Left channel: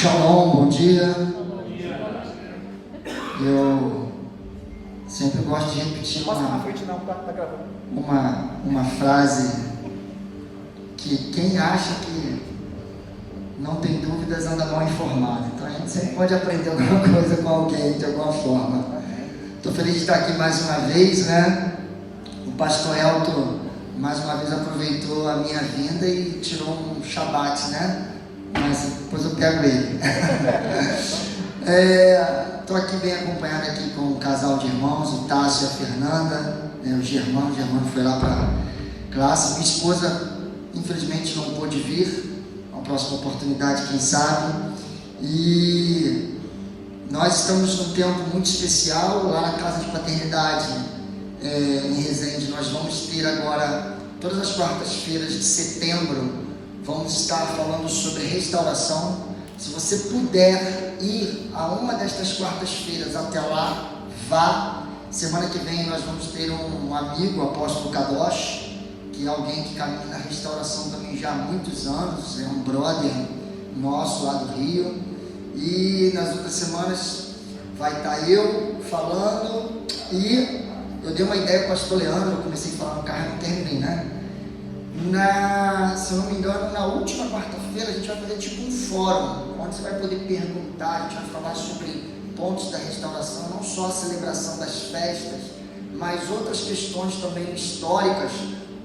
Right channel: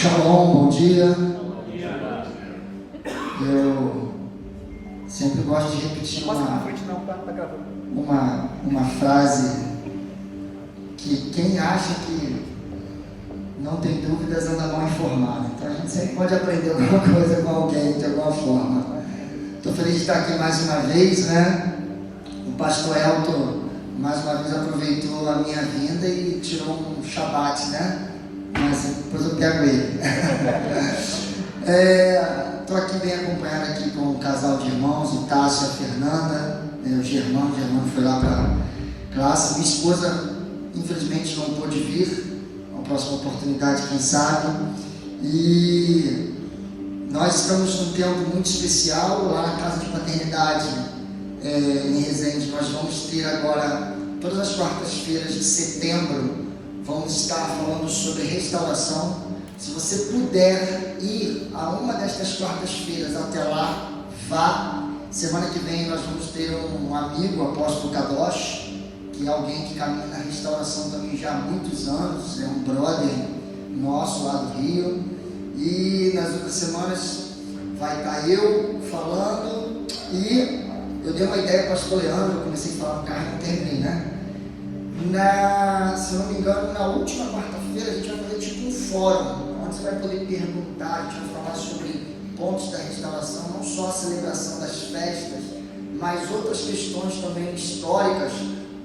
Shalom, bom dia. Eu sempre gosto de repetir uma frase que quem acha que não tem dúvidas anda mal informado. Então a gente sempre pode aprender alguma coisa com alguém de alguma forma. Estou feliz de estar aqui mais uma vez, né? O pastor Elton mais uma vez aproveitou a minha vinda e tirou um shabat, né? Mas depois eu pego ele. Estou aqui bem acompanhado aqui com um casal de irmãos, o Tássio e a Fernanda, o Germano foi lá para a classe. Minha esposa infelizmente não pôde vir, uma próxima oportunidade quem sabe. E nós estamos num tempo muito especial lá na casa de paternidade em Resende. Nós vamos ter agora, todas as quartas-feiras de setembro, vamos estar falando sobre restauração. Se você puder ir a uma destas quartas-feiras até lá, vá. Semana que vem nós vamos ter um amigo, o apóstolo Kadosh, que é alguém que caminha na restauração também já há muitos anos, é um brother nosso lá do Rio. E nas outras semanas vai estar eu falando, e eu dei uma ideia para o pastor Leandro, eu comecei a falar no carro e não terminei, né? Se eu não me engano, na última quarta-feira a gente vai fazer tipo um fórum, onde você vai poder perguntar, a gente vai falar sobre pontos da restauração, não só a celebração das festas, mas outras questões também históricas,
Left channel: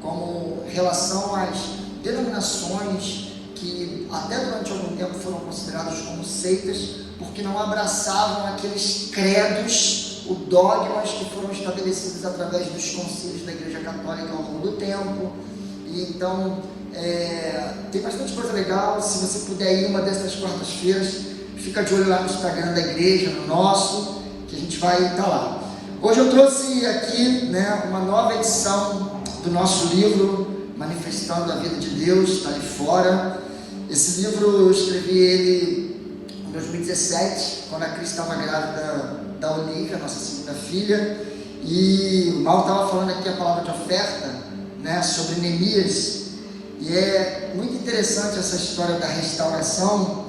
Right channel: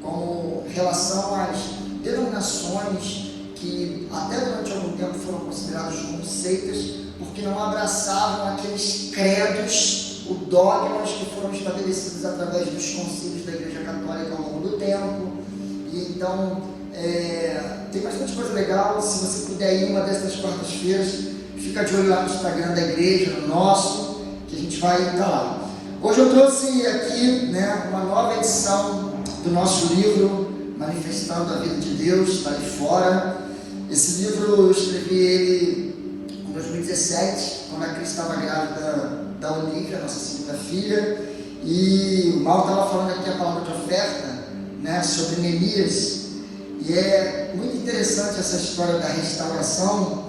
como relação às denominações que até durante algum tempo foram consideradas como seitas, porque não abraçavam aqueles credos, dogmas que foram estabelecidos através dos concílios da Igreja Católica ao longo do tempo. E então, tem bastante coisa legal. Se você puder ir uma dessas quartas-feiras, fica de olho lá no Instagram da igreja, no nosso, que a gente vai estar lá. Hoje eu trouxe aqui, uma nova edição do nosso livro, Manifestando a Vida de Deus, está ali fora. Esse livro eu escrevi ele em 2017, quando a Cris estava grávida da Olivia, nossa segunda filha, e o Mal estava falando aqui a palavra de oferta, sobre Neemias, e é muito interessante essa história da restauração,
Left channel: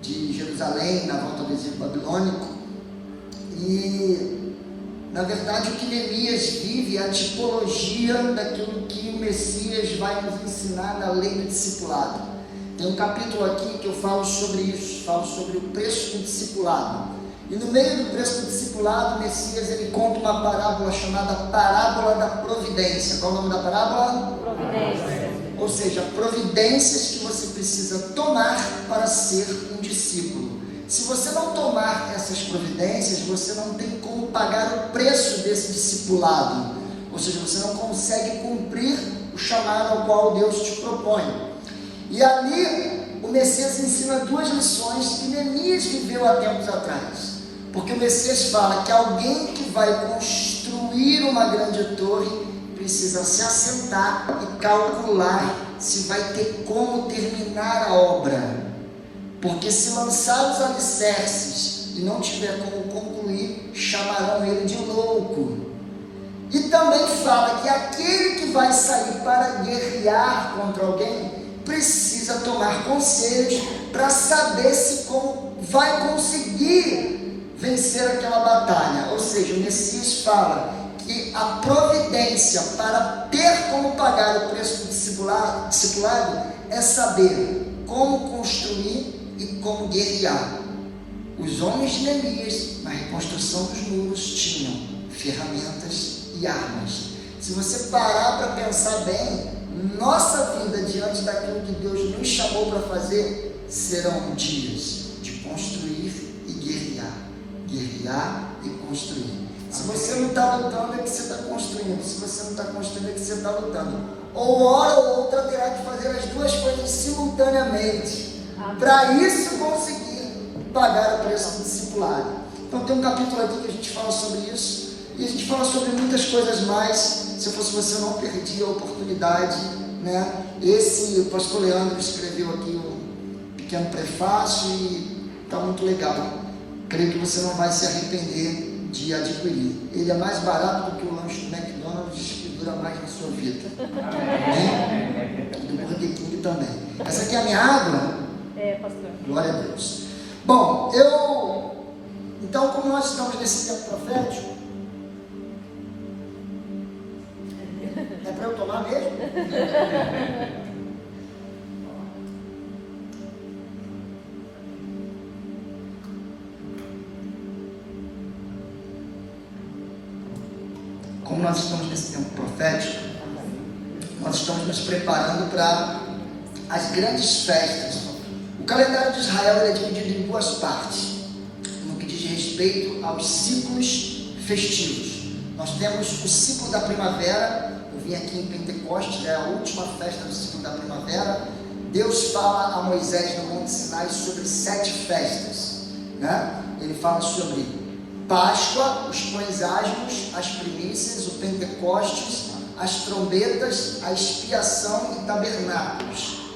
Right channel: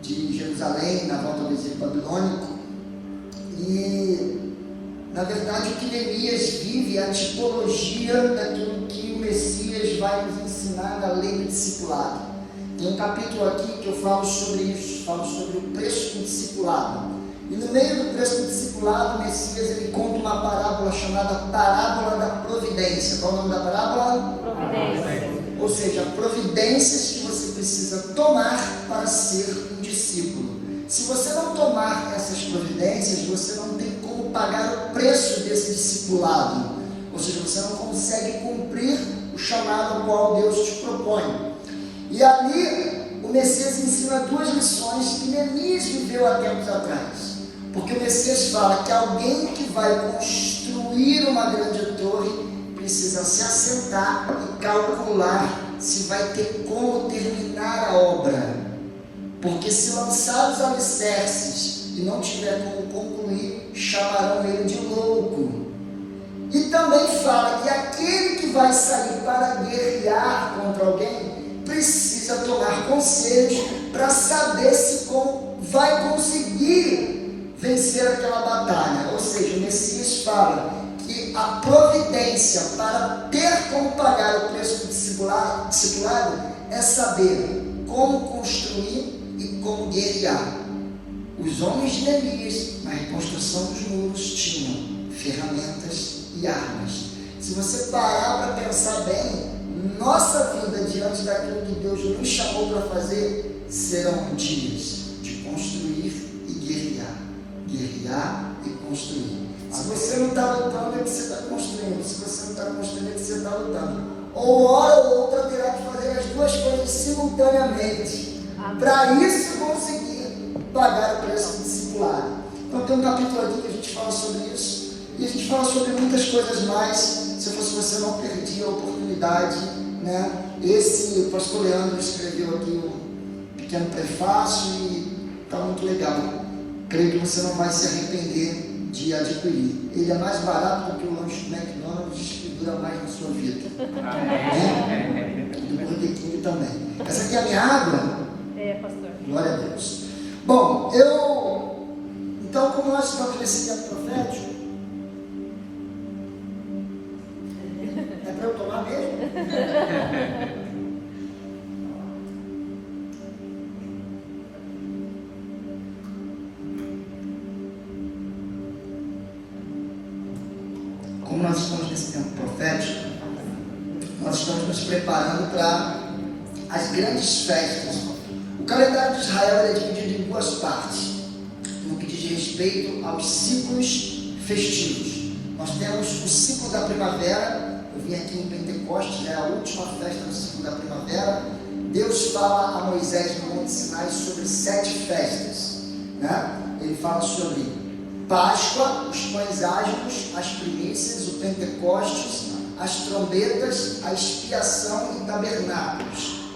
de Jerusalém na volta do exílio babilônico. E na verdade o que Neemias vive é a tipologia daquilo que o Messias vai nos ensinar na lei do discipulado. Tem um capítulo aqui que eu falo sobre isso, falo sobre o preço do discipulado. E no meio do preço do discipulado, o Messias ele conta uma parábola chamada Parábola da Providência. Qual é o nome da parábola? Providência. Ou seja, providências que você precisa tomar para ser um discípulo. Se você não tomar essas providências, você não tem como pagar o preço desse discipulado. Ou seja, você não consegue cumprir o chamado ao qual Deus te propõe. E ali, o Messias ensina duas lições que Neemias viveu há tempos atrás. Porque o Messias fala que alguém que vai construir uma grande torre precisa se assentar e calcular se vai ter como terminar a obra. Porque se lançar os alicerces e não tiver como concluir, chamarão ele de louco. E também fala que aquele que vai sair para guerrear contra alguém precisa tomar conselhos para saber se vai conseguir vencer aquela batalha. Ou seja, o Messias fala que a providência para ter como pagar o preço do discipulado é saber como construir e como guerrear. Os homens de Neemias, na reconstrução dos muros, tinham ferramentas e armas. Se você parar para pensar bem, nossa vida diante daquilo que Deus nos chamou para fazer serão dias de construir e guerrear. Guerrear e construir. Se você não está lutando, é que você está construindo. Se você não está construindo, é que você está lutando. Ou hora ou outra terá que fazer as duas coisas simultaneamente. Para isso conseguir pagar o preço do discipulado. Então tem um capítulo aqui que a gente fala sobre isso. E a gente fala sobre muitas coisas mais. Se eu fosse você, não perdia a oportunidade. O pastor Leandro escreveu aqui um pequeno prefácio e está muito legal. Creio que você não vai se arrepender de adquirir. Ele é mais barato do que o lanche do McDonald's e dura mais na sua vida. Do Burger King também. Essa aqui é a minha água. nós estamos nesse tempo profético, nós estamos nos preparando para as grandes festas. O calendário de Israel é dividido em duas partes, no que diz respeito aos ciclos festivos. Nós temos o ciclo da primavera. Eu vim aqui em Pentecostes, é a última festa do ciclo da primavera. Deus fala a Moisés no Monte Sinai sobre 7 festas, né? Ele fala sobre Páscoa, os pães asmos, as primícias, o Pentecostes, as trombetas, a expiação e tabernáculos.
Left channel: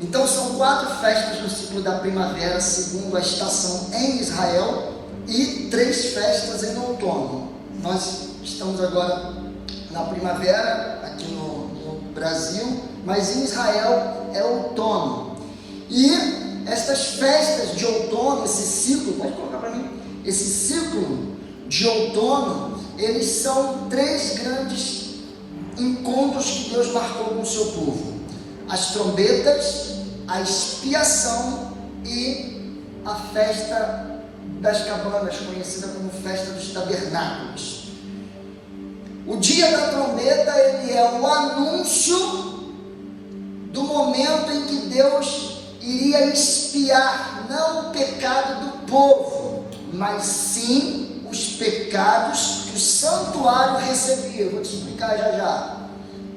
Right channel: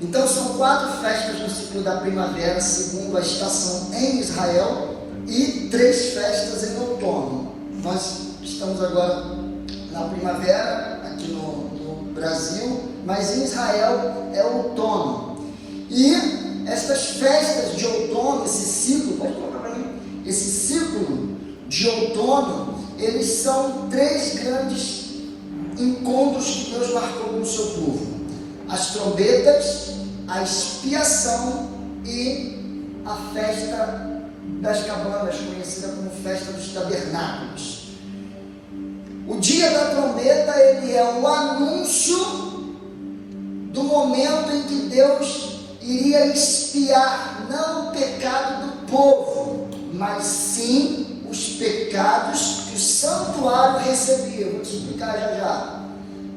Então são 4 festas no ciclo da primavera, segundo a estação em Israel, e 3 festas em outono. Nós estamos agora na primavera, aqui no Brasil, mas em Israel é outono. E essas festas de outono, esse ciclo, pode colocar para mim, esse ciclo de outono, eles são 3 grandes encontros que Deus marcou com o seu povo: as trombetas, a expiação e a festa das cabanas, conhecida como festa dos tabernáculos. O dia da trombeta, ele é o anúncio do momento em que Deus iria expiar não o pecado do povo, mas sim os pecados que o santuário recebia. Eu vou te explicar já.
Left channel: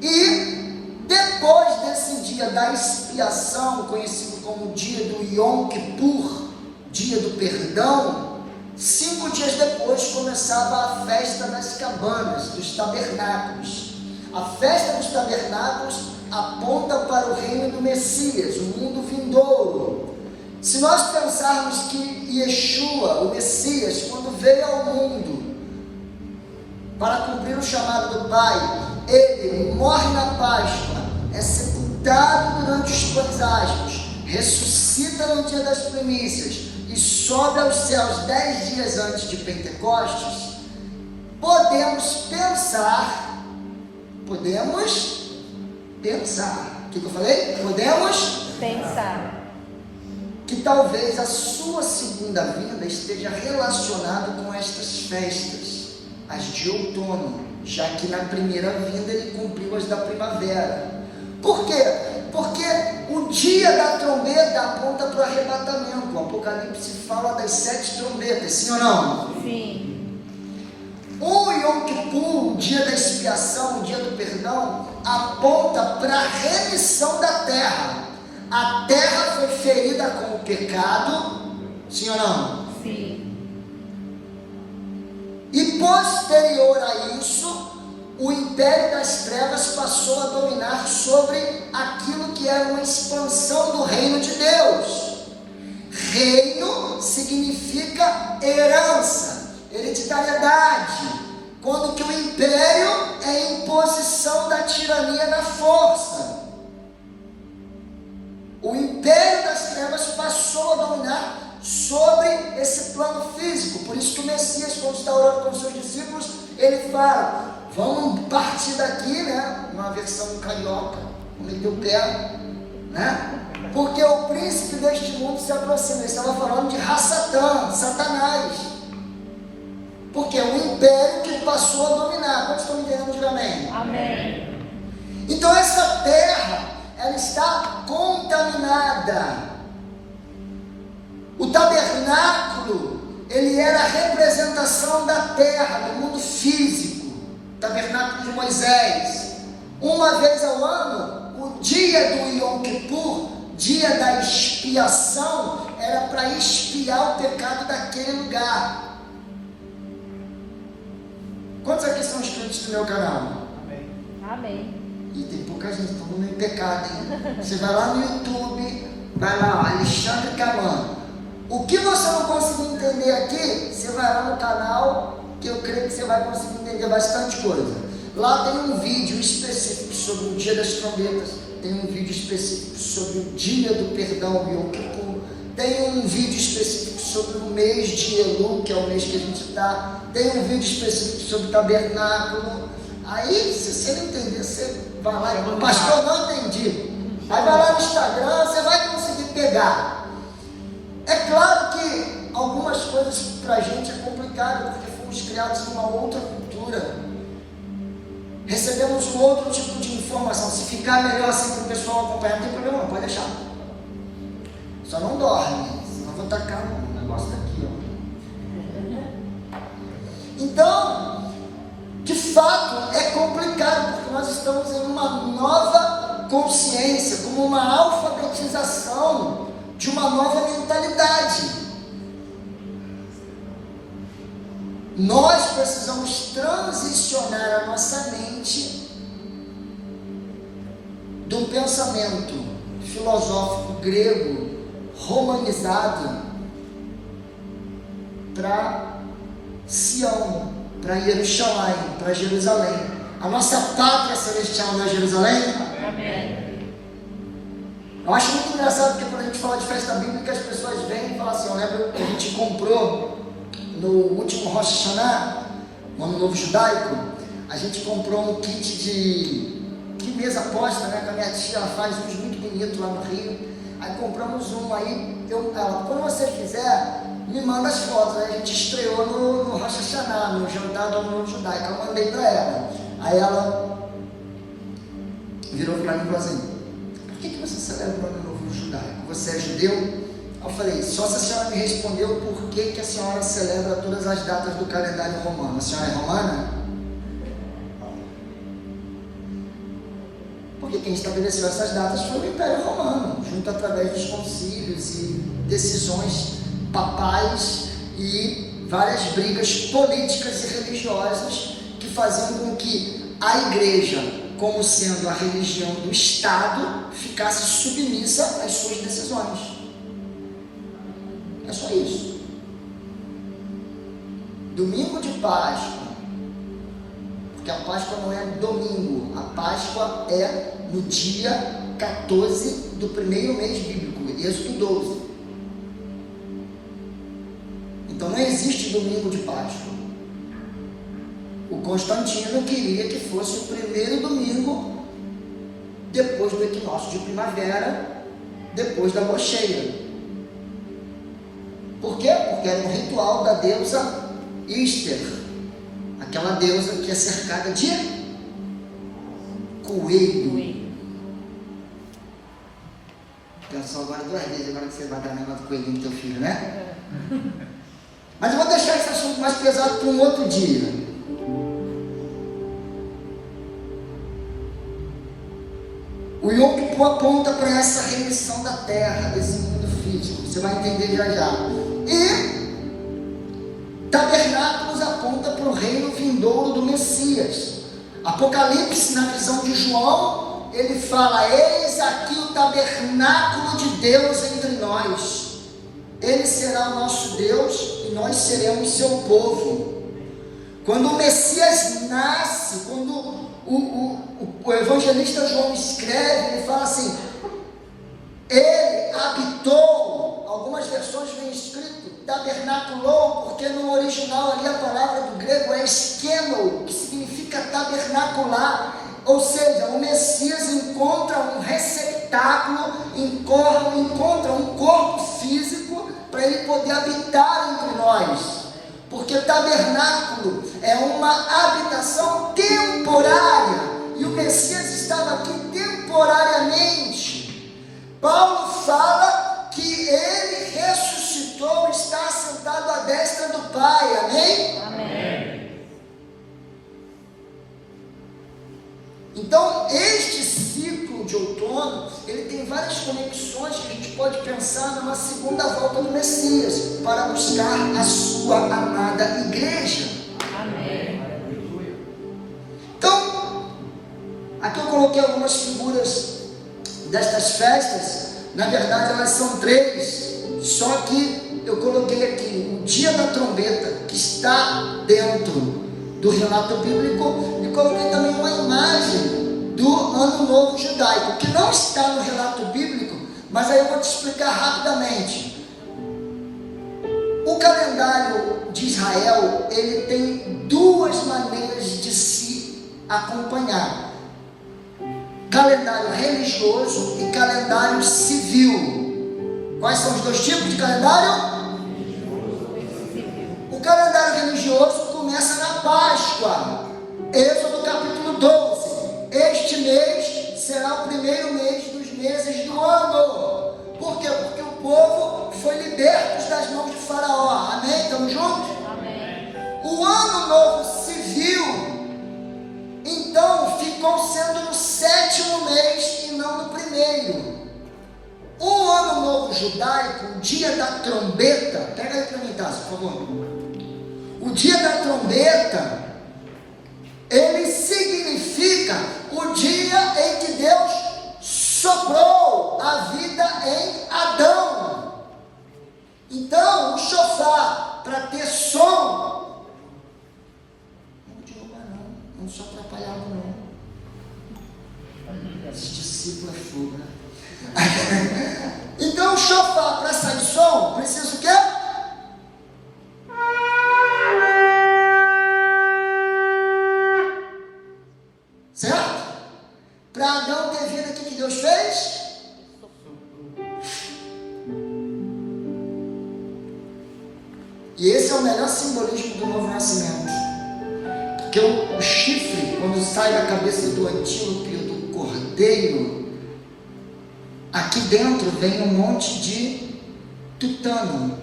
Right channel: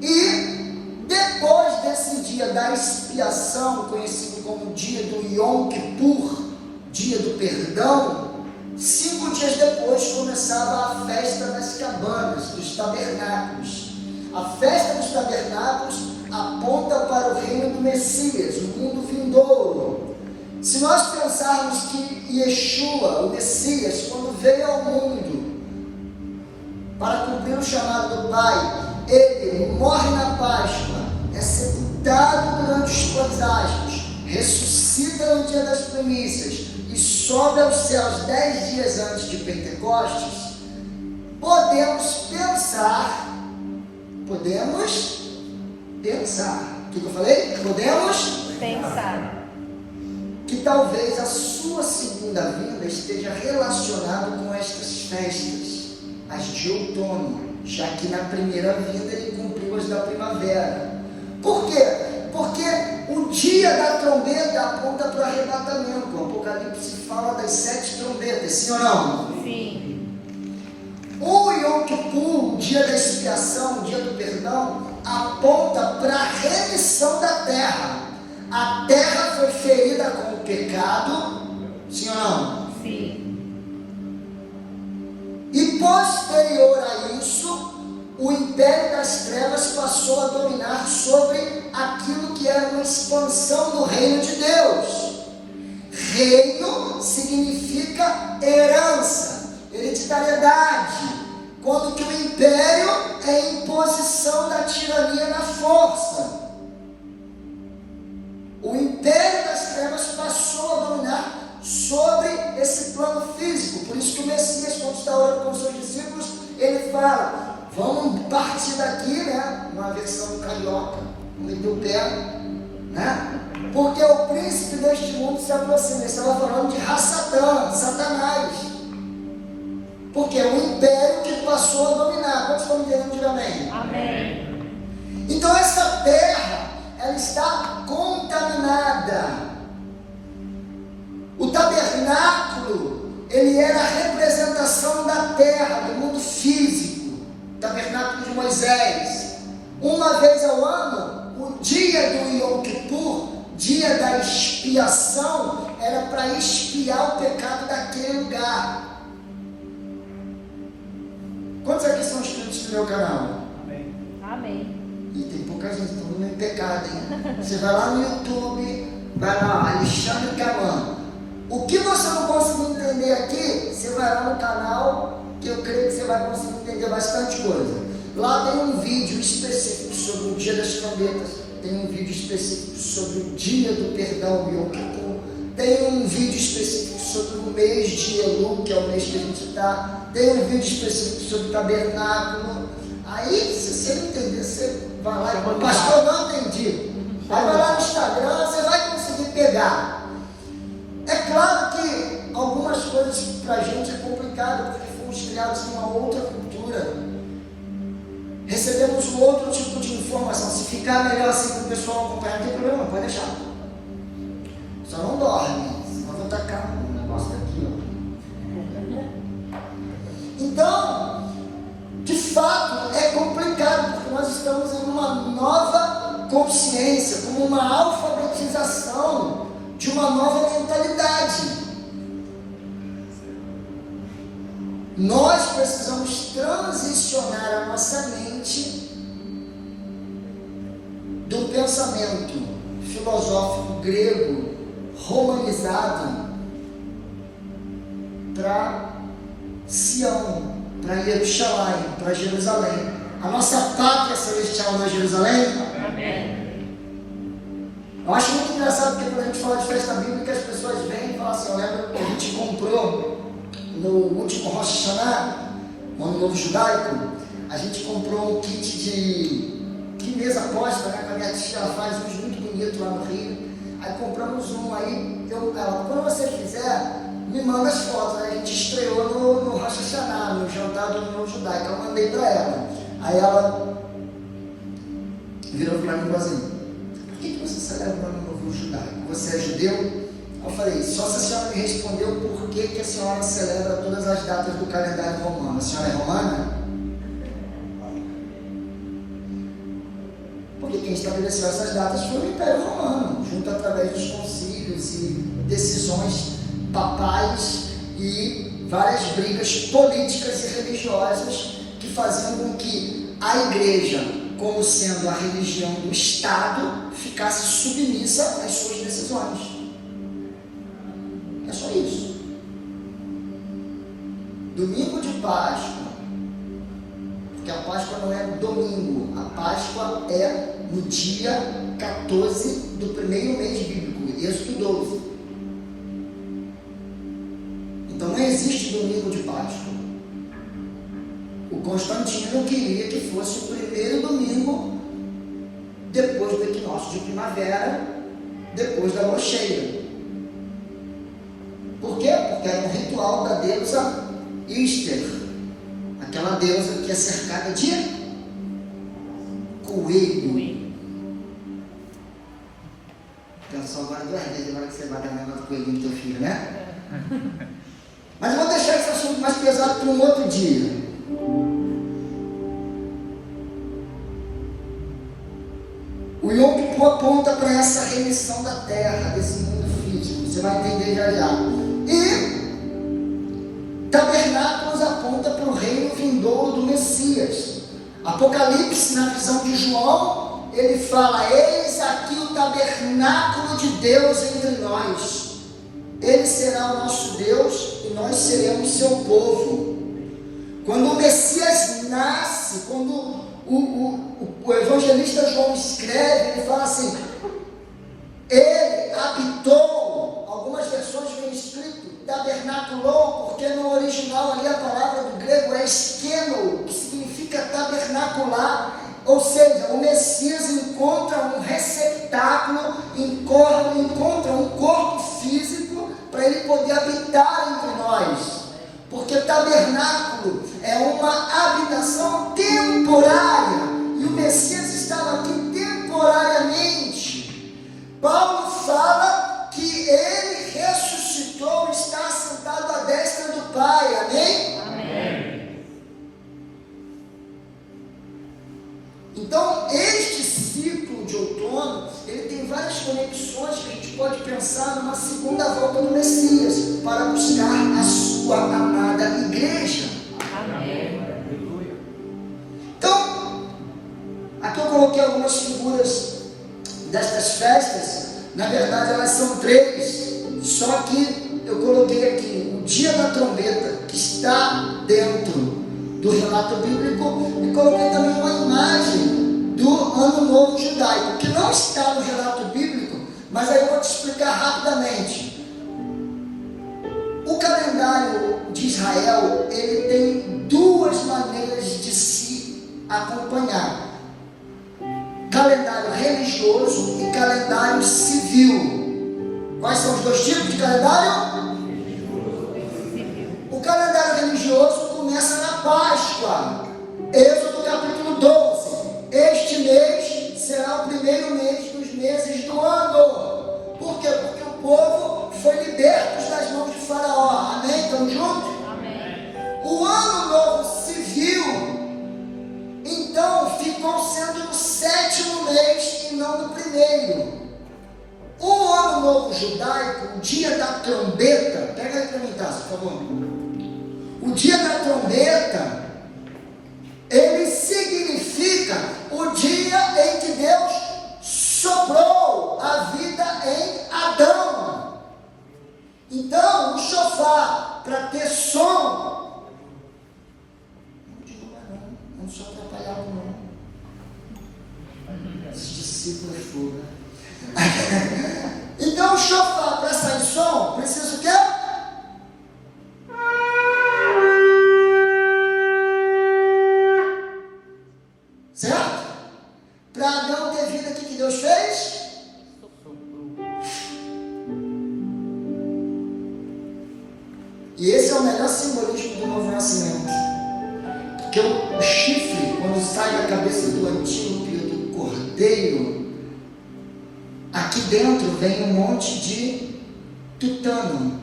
E depois desse dia da expiação, conhecido como dia do Yom Kippur, dia do perdão, 5 dias depois começava a festa das cabanas, dos tabernáculos. A festa dos tabernáculos aponta para o reino do Messias, o mundo vindouro. Se nós pensarmos que Yeshua, o Messias, quando veio ao mundo para cumprir o chamado do Pai, ele morre na Páscoa, é sepultado durante os pães asmos, ressuscita no dia das primícias e sobe aos céus 10 dias antes de Pentecostes, podemos pensar, o que eu falei? Podemos pensar que talvez a sua segunda vinda esteja relacionada com estas festas, as de outono, já que na primeira vinda ele cumpriu as da primavera. Por quê? Porque o dia da trombeta aponta para o arrebatamento. O Apocalipse fala das 7 trombetas, sim ou não? Sim. O Yom Kippur, o dia da expiação, o dia do perdão, aponta para a remissão da terra. A terra foi ferida com o pecado, sim ou não? Sim. E posterior a isso, o império das trevas passou a dominar sobre aquilo que era uma expansão do reino de Deus. Reino significa herança, hereditariedade, quando que o império é imposição da tirania na força. O império das trevas passou a dominar sobre esse plano físico. Por isso que o Messias, quando está orando com os seus discípulos, ele fala: vamos partir daqui, né? Uma versão carioca, vamos meter o pé, né? Porque o príncipe deste mundo se aproxima. Ele estava falando de Rassatã, Satanás. Porque é o império que passou a dominar. Quantos estão entendendo? Diga amém. Amém. Então essa terra, ela está contaminada. O tabernáculo, ele era a representação da terra, do mundo físico. Tabernáculo de Moisés. Uma vez ao ano, o dia do Yom Kippur, dia da expiação, era para expiar o pecado daquele lugar. Quantos aqui são inscritos no meu canal? Amém. E tem pouca gente, todo mundo em pecado, hein? Você vai lá no YouTube, vai lá, Alexandre Caman. O que você não conseguir entender aqui, você vai lá no canal, que eu creio que você vai conseguir entender bastante coisa. Lá tem um vídeo específico sobre o dia das trombetas, tem um vídeo específico sobre o dia do perdão, o Yom Kippur, tem um vídeo específico sobre o mês de Elul, que é o mês que a gente está, tem um vídeo específico sobre o tabernáculo. Aí, se você não entender, você vai lá e fala: pastor, não entendi. Aí vai lá no Instagram, você vai conseguir pegar. É claro que algumas coisas para a gente é complicado, porque fomos criados em uma outra cultura. recebemos um outro tipo de informação. Se ficar melhor assim para o pessoal acompanhar, não tem problema, não, pode deixar. Só não dorme, senão vou tacar um negócio aqui, ó. Então, de fato, é complicado, porque nós estamos em uma nova consciência, como uma alfabetização de uma nova mentalidade. Nós precisamos transicionar a nossa mente de um pensamento filosófico grego, romanizado, para Sião, para Jerusalém, para Jerusalém. A nossa pátria celestial não é Jerusalém? Amém. Eu acho muito engraçado porque quando a gente fala de festa bíblica, as pessoas vêm e falam assim, eu lembro que a gente comprou no último Rosh Hashanah, no Ano Novo Judaico, a gente comprou um kit de mesa posta, né, com a minha tia, ela faz uns muito bonitos lá no Rio. Aí compramos um, aí ela, quando você quiser, me manda as fotos. Aí a gente estreou no Rosh Hashanah, no jantar do Ano Novo Judaico, eu mandei para ela. Aí ela virou para mim e falou assim, por que você celebra o Ano Novo Judaico? Você é judeu? Eu falei, só se a senhora me respondeu por que a senhora celebra todas as datas do calendário romano. A senhora é romana? Porque quem estabeleceu essas datas foi o Império Romano, junto através dos concílios e decisões papais e várias brigas políticas e religiosas que faziam com que a igreja, como sendo a religião do Estado, ficasse submissa às suas decisões. É só isso. Domingo de Páscoa, porque a Páscoa não é domingo, a Páscoa é no dia 14 do primeiro mês bíblico, Êxodo 12. Então não existe domingo de Páscoa. O Constantino queria que fosse o primeiro domingo depois do equinócio de primavera, depois da lua cheia. Por quê? Porque era um ritual da deusa Íster, aquela deusa que é cercada de coelho. Atenção agora duas vezes, agora que você vai dar negócio do coelhinho do teu filho, né? Mas eu vou deixar esse assunto mais pesado para um outro dia. O Yom Kippur aponta para essa remissão da terra, desse mundo físico. Você vai entender já já. E tabernáculos aponta para o reino vindouro do Messias. Apocalipse, na visão de João, ele fala, eis aqui o tabernáculo de Deus entre nós. Ele será o nosso Deus e nós seremos seu povo. Quando o Messias nasce, quando o evangelista João escreve, ele fala assim, ele habitou, algumas versões vem escrito, tabernaculou, porque no original ali a palavra do grego é skeno, que significa tabernacular, ou seja, o Messias encontra um receptáculo, encontra um corpo físico para ele poder habitar entre nós, porque tabernáculo é uma habitação temporária, e o Messias estava aqui temporariamente. Paulo fala que ele ressuscitou, está assentado à destra do Pai, amém? Amém. Então, este ciclo de outono, ele tem várias conexões que a gente pode pensar numa segunda volta do Messias, para buscar a sua amada igreja. Amém. Então, aqui eu coloquei algumas figuras destas festas, na verdade elas são três, só que eu coloquei aqui o dia da trombeta, que está dentro do relato bíblico, e coloquei também uma imagem do Ano Novo Judaico, que não está no relato bíblico, mas aí eu vou te explicar rapidamente. O calendário de Israel, ele tem duas maneiras de se acompanhar: calendário religioso e calendário civil. Quais são os dois tipos de calendário? O calendário religioso começa na Páscoa, Êxodo capítulo 12. primeiro mês dos meses do ano. Por quê? Porque o povo foi liberto das mãos de Faraó. Amém? Estamos juntos? Amém. O ano novo civil, então, ficou sendo no 7º mês e não no primeiro. O ano novo judaico, o dia da trombeta, pega aí para mim, tá, por favor. O dia da trombeta, ele significa o dia em que Deus soprou a vida em Adão. Então, o shofar, para ter som, não derruba não sou atrapalhado não. Esse discípulo é fogo, né? Então, o shofar, para sair som, precisa o quê? Certo? Para Adão ter vida, o que Deus fez? E esse é o melhor simbolismo do novo nascimento. Porque o chifre, quando sai da cabeça do antílope ou do cordeiro, aqui dentro vem um monte de tutano,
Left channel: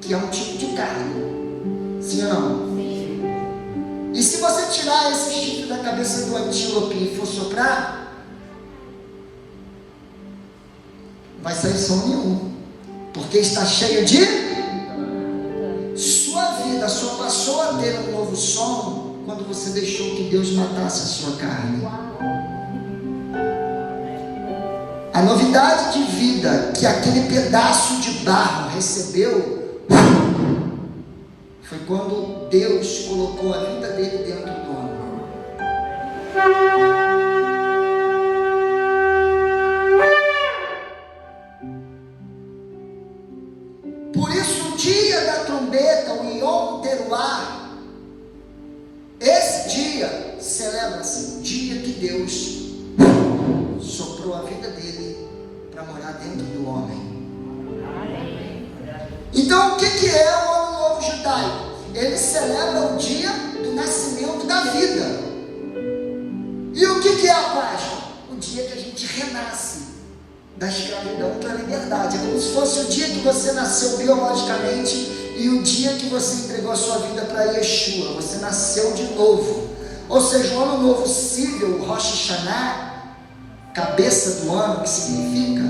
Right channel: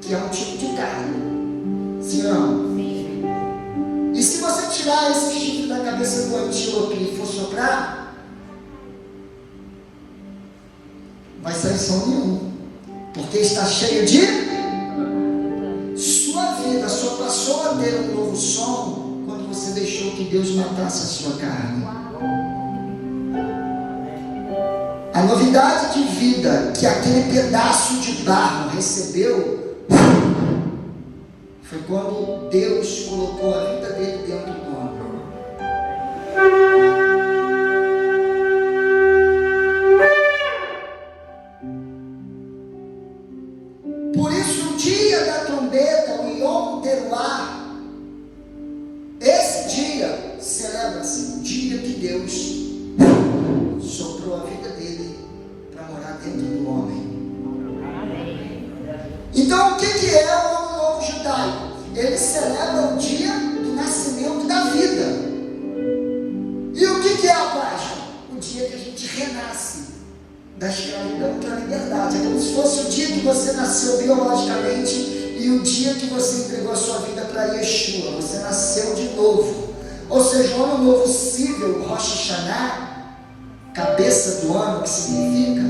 que é um tipo de carne. Sim ou não? E se você tirar esse chifre da cabeça do antílope e for soprar, vai sair som nenhum, porque está cheio de... Sua vida só passou a ter um novo som quando você deixou que Deus matasse a sua carne. A novidade de vida que aquele pedaço de barro recebeu foi quando Deus colocou a vida dele dentro do homem. Por isso, o dia da trombeta, o Yom Teruah, esse dia celebra-se o dia que Deus soprou a vida dele para morar dentro do homem. Então, o que é o Ano Novo Judaico? Ele celebra o dia do nascimento da vida. E o que é a Páscoa? O dia que a gente renasce da escravidão para a liberdade. É como se fosse o dia que você nasceu biologicamente e o dia que você entregou a sua vida para Yeshua. Você nasceu de novo. Ou seja, o Ano Novo civil, o Rosh Hashanah, cabeça do ano, que significa,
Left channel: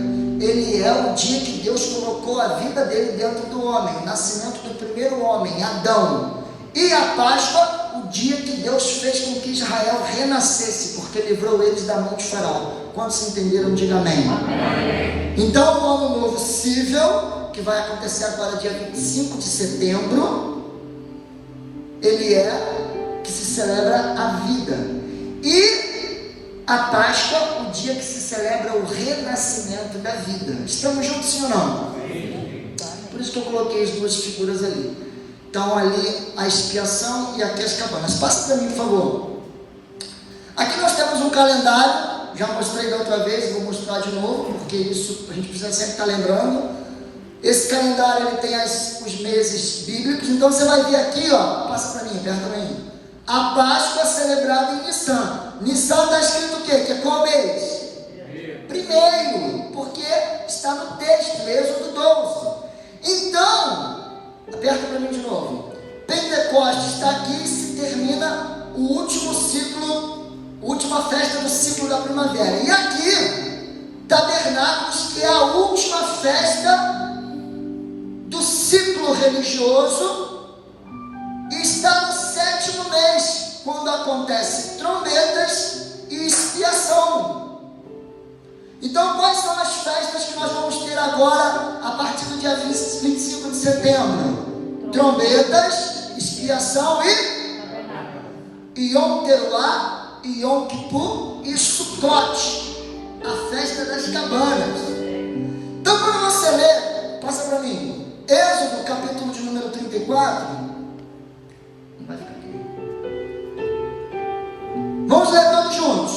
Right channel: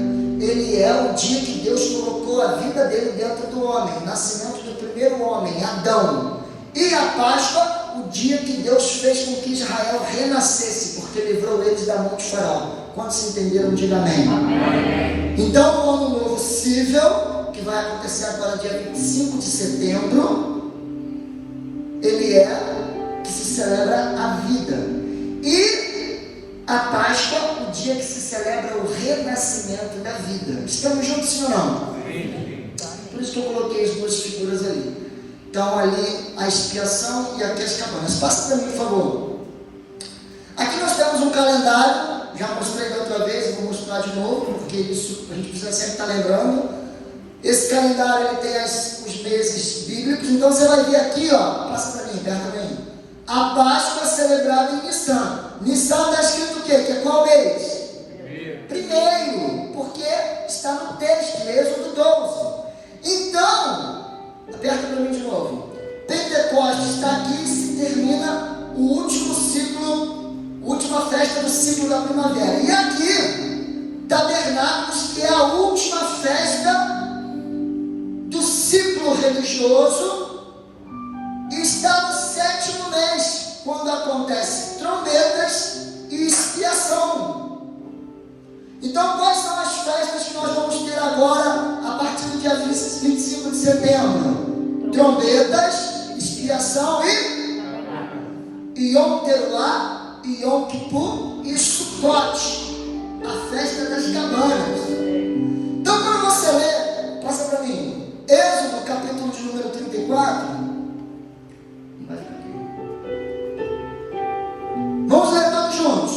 ele é o dia que Deus colocou a vida dele dentro do homem, o nascimento do primeiro homem, Adão. E a Páscoa, o dia que Deus fez com que Israel renascesse, porque livrou eles da mão de Faraó. Quantos se entenderam, diga amém. Amém. Então, o Ano Novo civil, que vai acontecer agora dia 25 de setembro, ele é que se celebra a vida. E a Páscoa, o dia que se celebra o renascimento da vida. Estamos juntos, sim ou não? Por isso que eu coloquei as duas figuras ali. Então, ali a expiação e aqui as cabanas. Passa para mim, por favor. Aqui nós temos um calendário. Já mostrei da outra vez, eu vou mostrar de novo, porque isso a gente precisa sempre estar lembrando. Esse calendário ele tem os meses bíblicos. Então, você vai ver aqui, ó. Passa para mim, perto para mim. A Páscoa celebrada em Nissan. Nissan está escrito o quê? Que é qual mês? Primeiro, porque está no texto, Êxodo 12. Então, aperta para mim de novo. Pentecostes está aqui e se termina o último ciclo, última festa do ciclo da primavera. E aqui, Tabernáculos, que é a última festa do ciclo religioso, está no 7º mês, quando acontece trombetas e expiação. Então, quais são as festas que nós vamos ter agora, a partir do dia 25 de setembro? Trombetas, expiação e Yom Teruah, e Yom Kippur e Sukkot, a festa das cabanas. Então, para você ler, passa para mim, Êxodo, capítulo de número 34. Vamos ler todos juntos.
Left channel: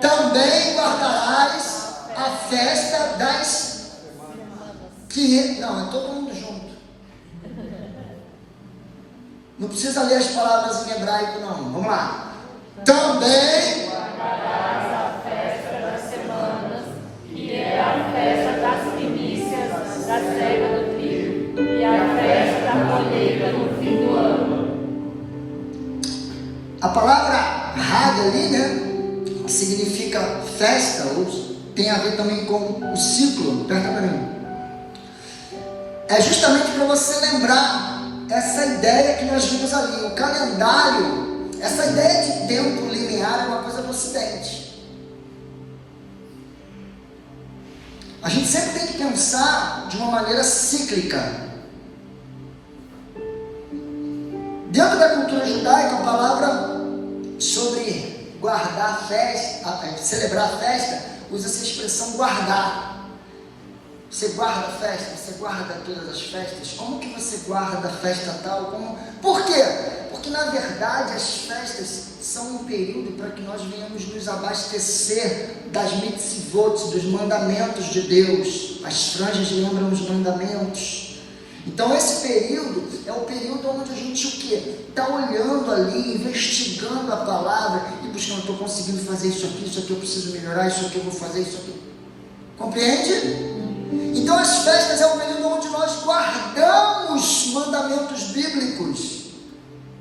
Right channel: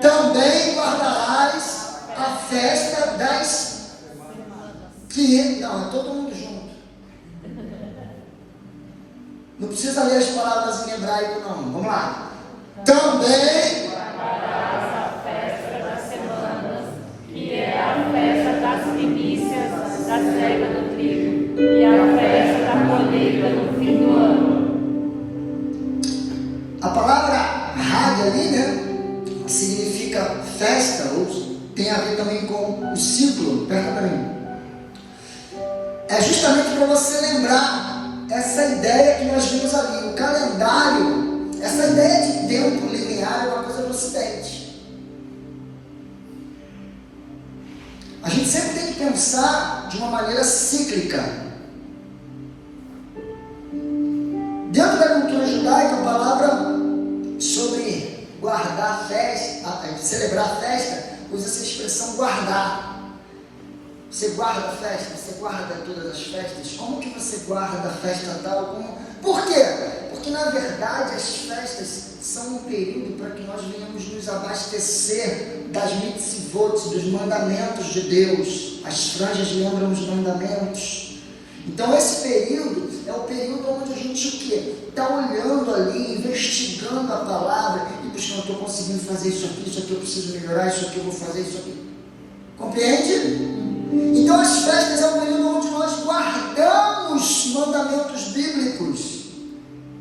Também guardarás a festa das... Não, é todo mundo junto. Não precisa ler as palavras em hebraico, não. Vamos lá. Também guardarás a festa ou tem a ver também com o ciclo, perto para mim. É justamente para você lembrar essa ideia que nós vimos ali, o calendário, essa ideia de tempo linear é uma coisa do Ocidente. A gente sempre tem que pensar de uma maneira cíclica. Dentro da cultura judaica, a palavra sobre guardar a festa, celebrar a festa, usa essa expressão guardar. Você guarda a festa, você guarda todas as festas. Como que você guarda a festa tal? Por quê? Porque na verdade as festas são um período para que nós venhamos nos abastecer das mitzvot, dos mandamentos de Deus. As franjas lembram os mandamentos. Então esse período é o período onde a gente o quê? Está olhando ali, investigando a palavra e buscando, estou conseguindo fazer isso aqui eu preciso melhorar, isso aqui eu vou fazer, isso aqui. Compreende? Então as festas é um período onde nós guardamos mandamentos bíblicos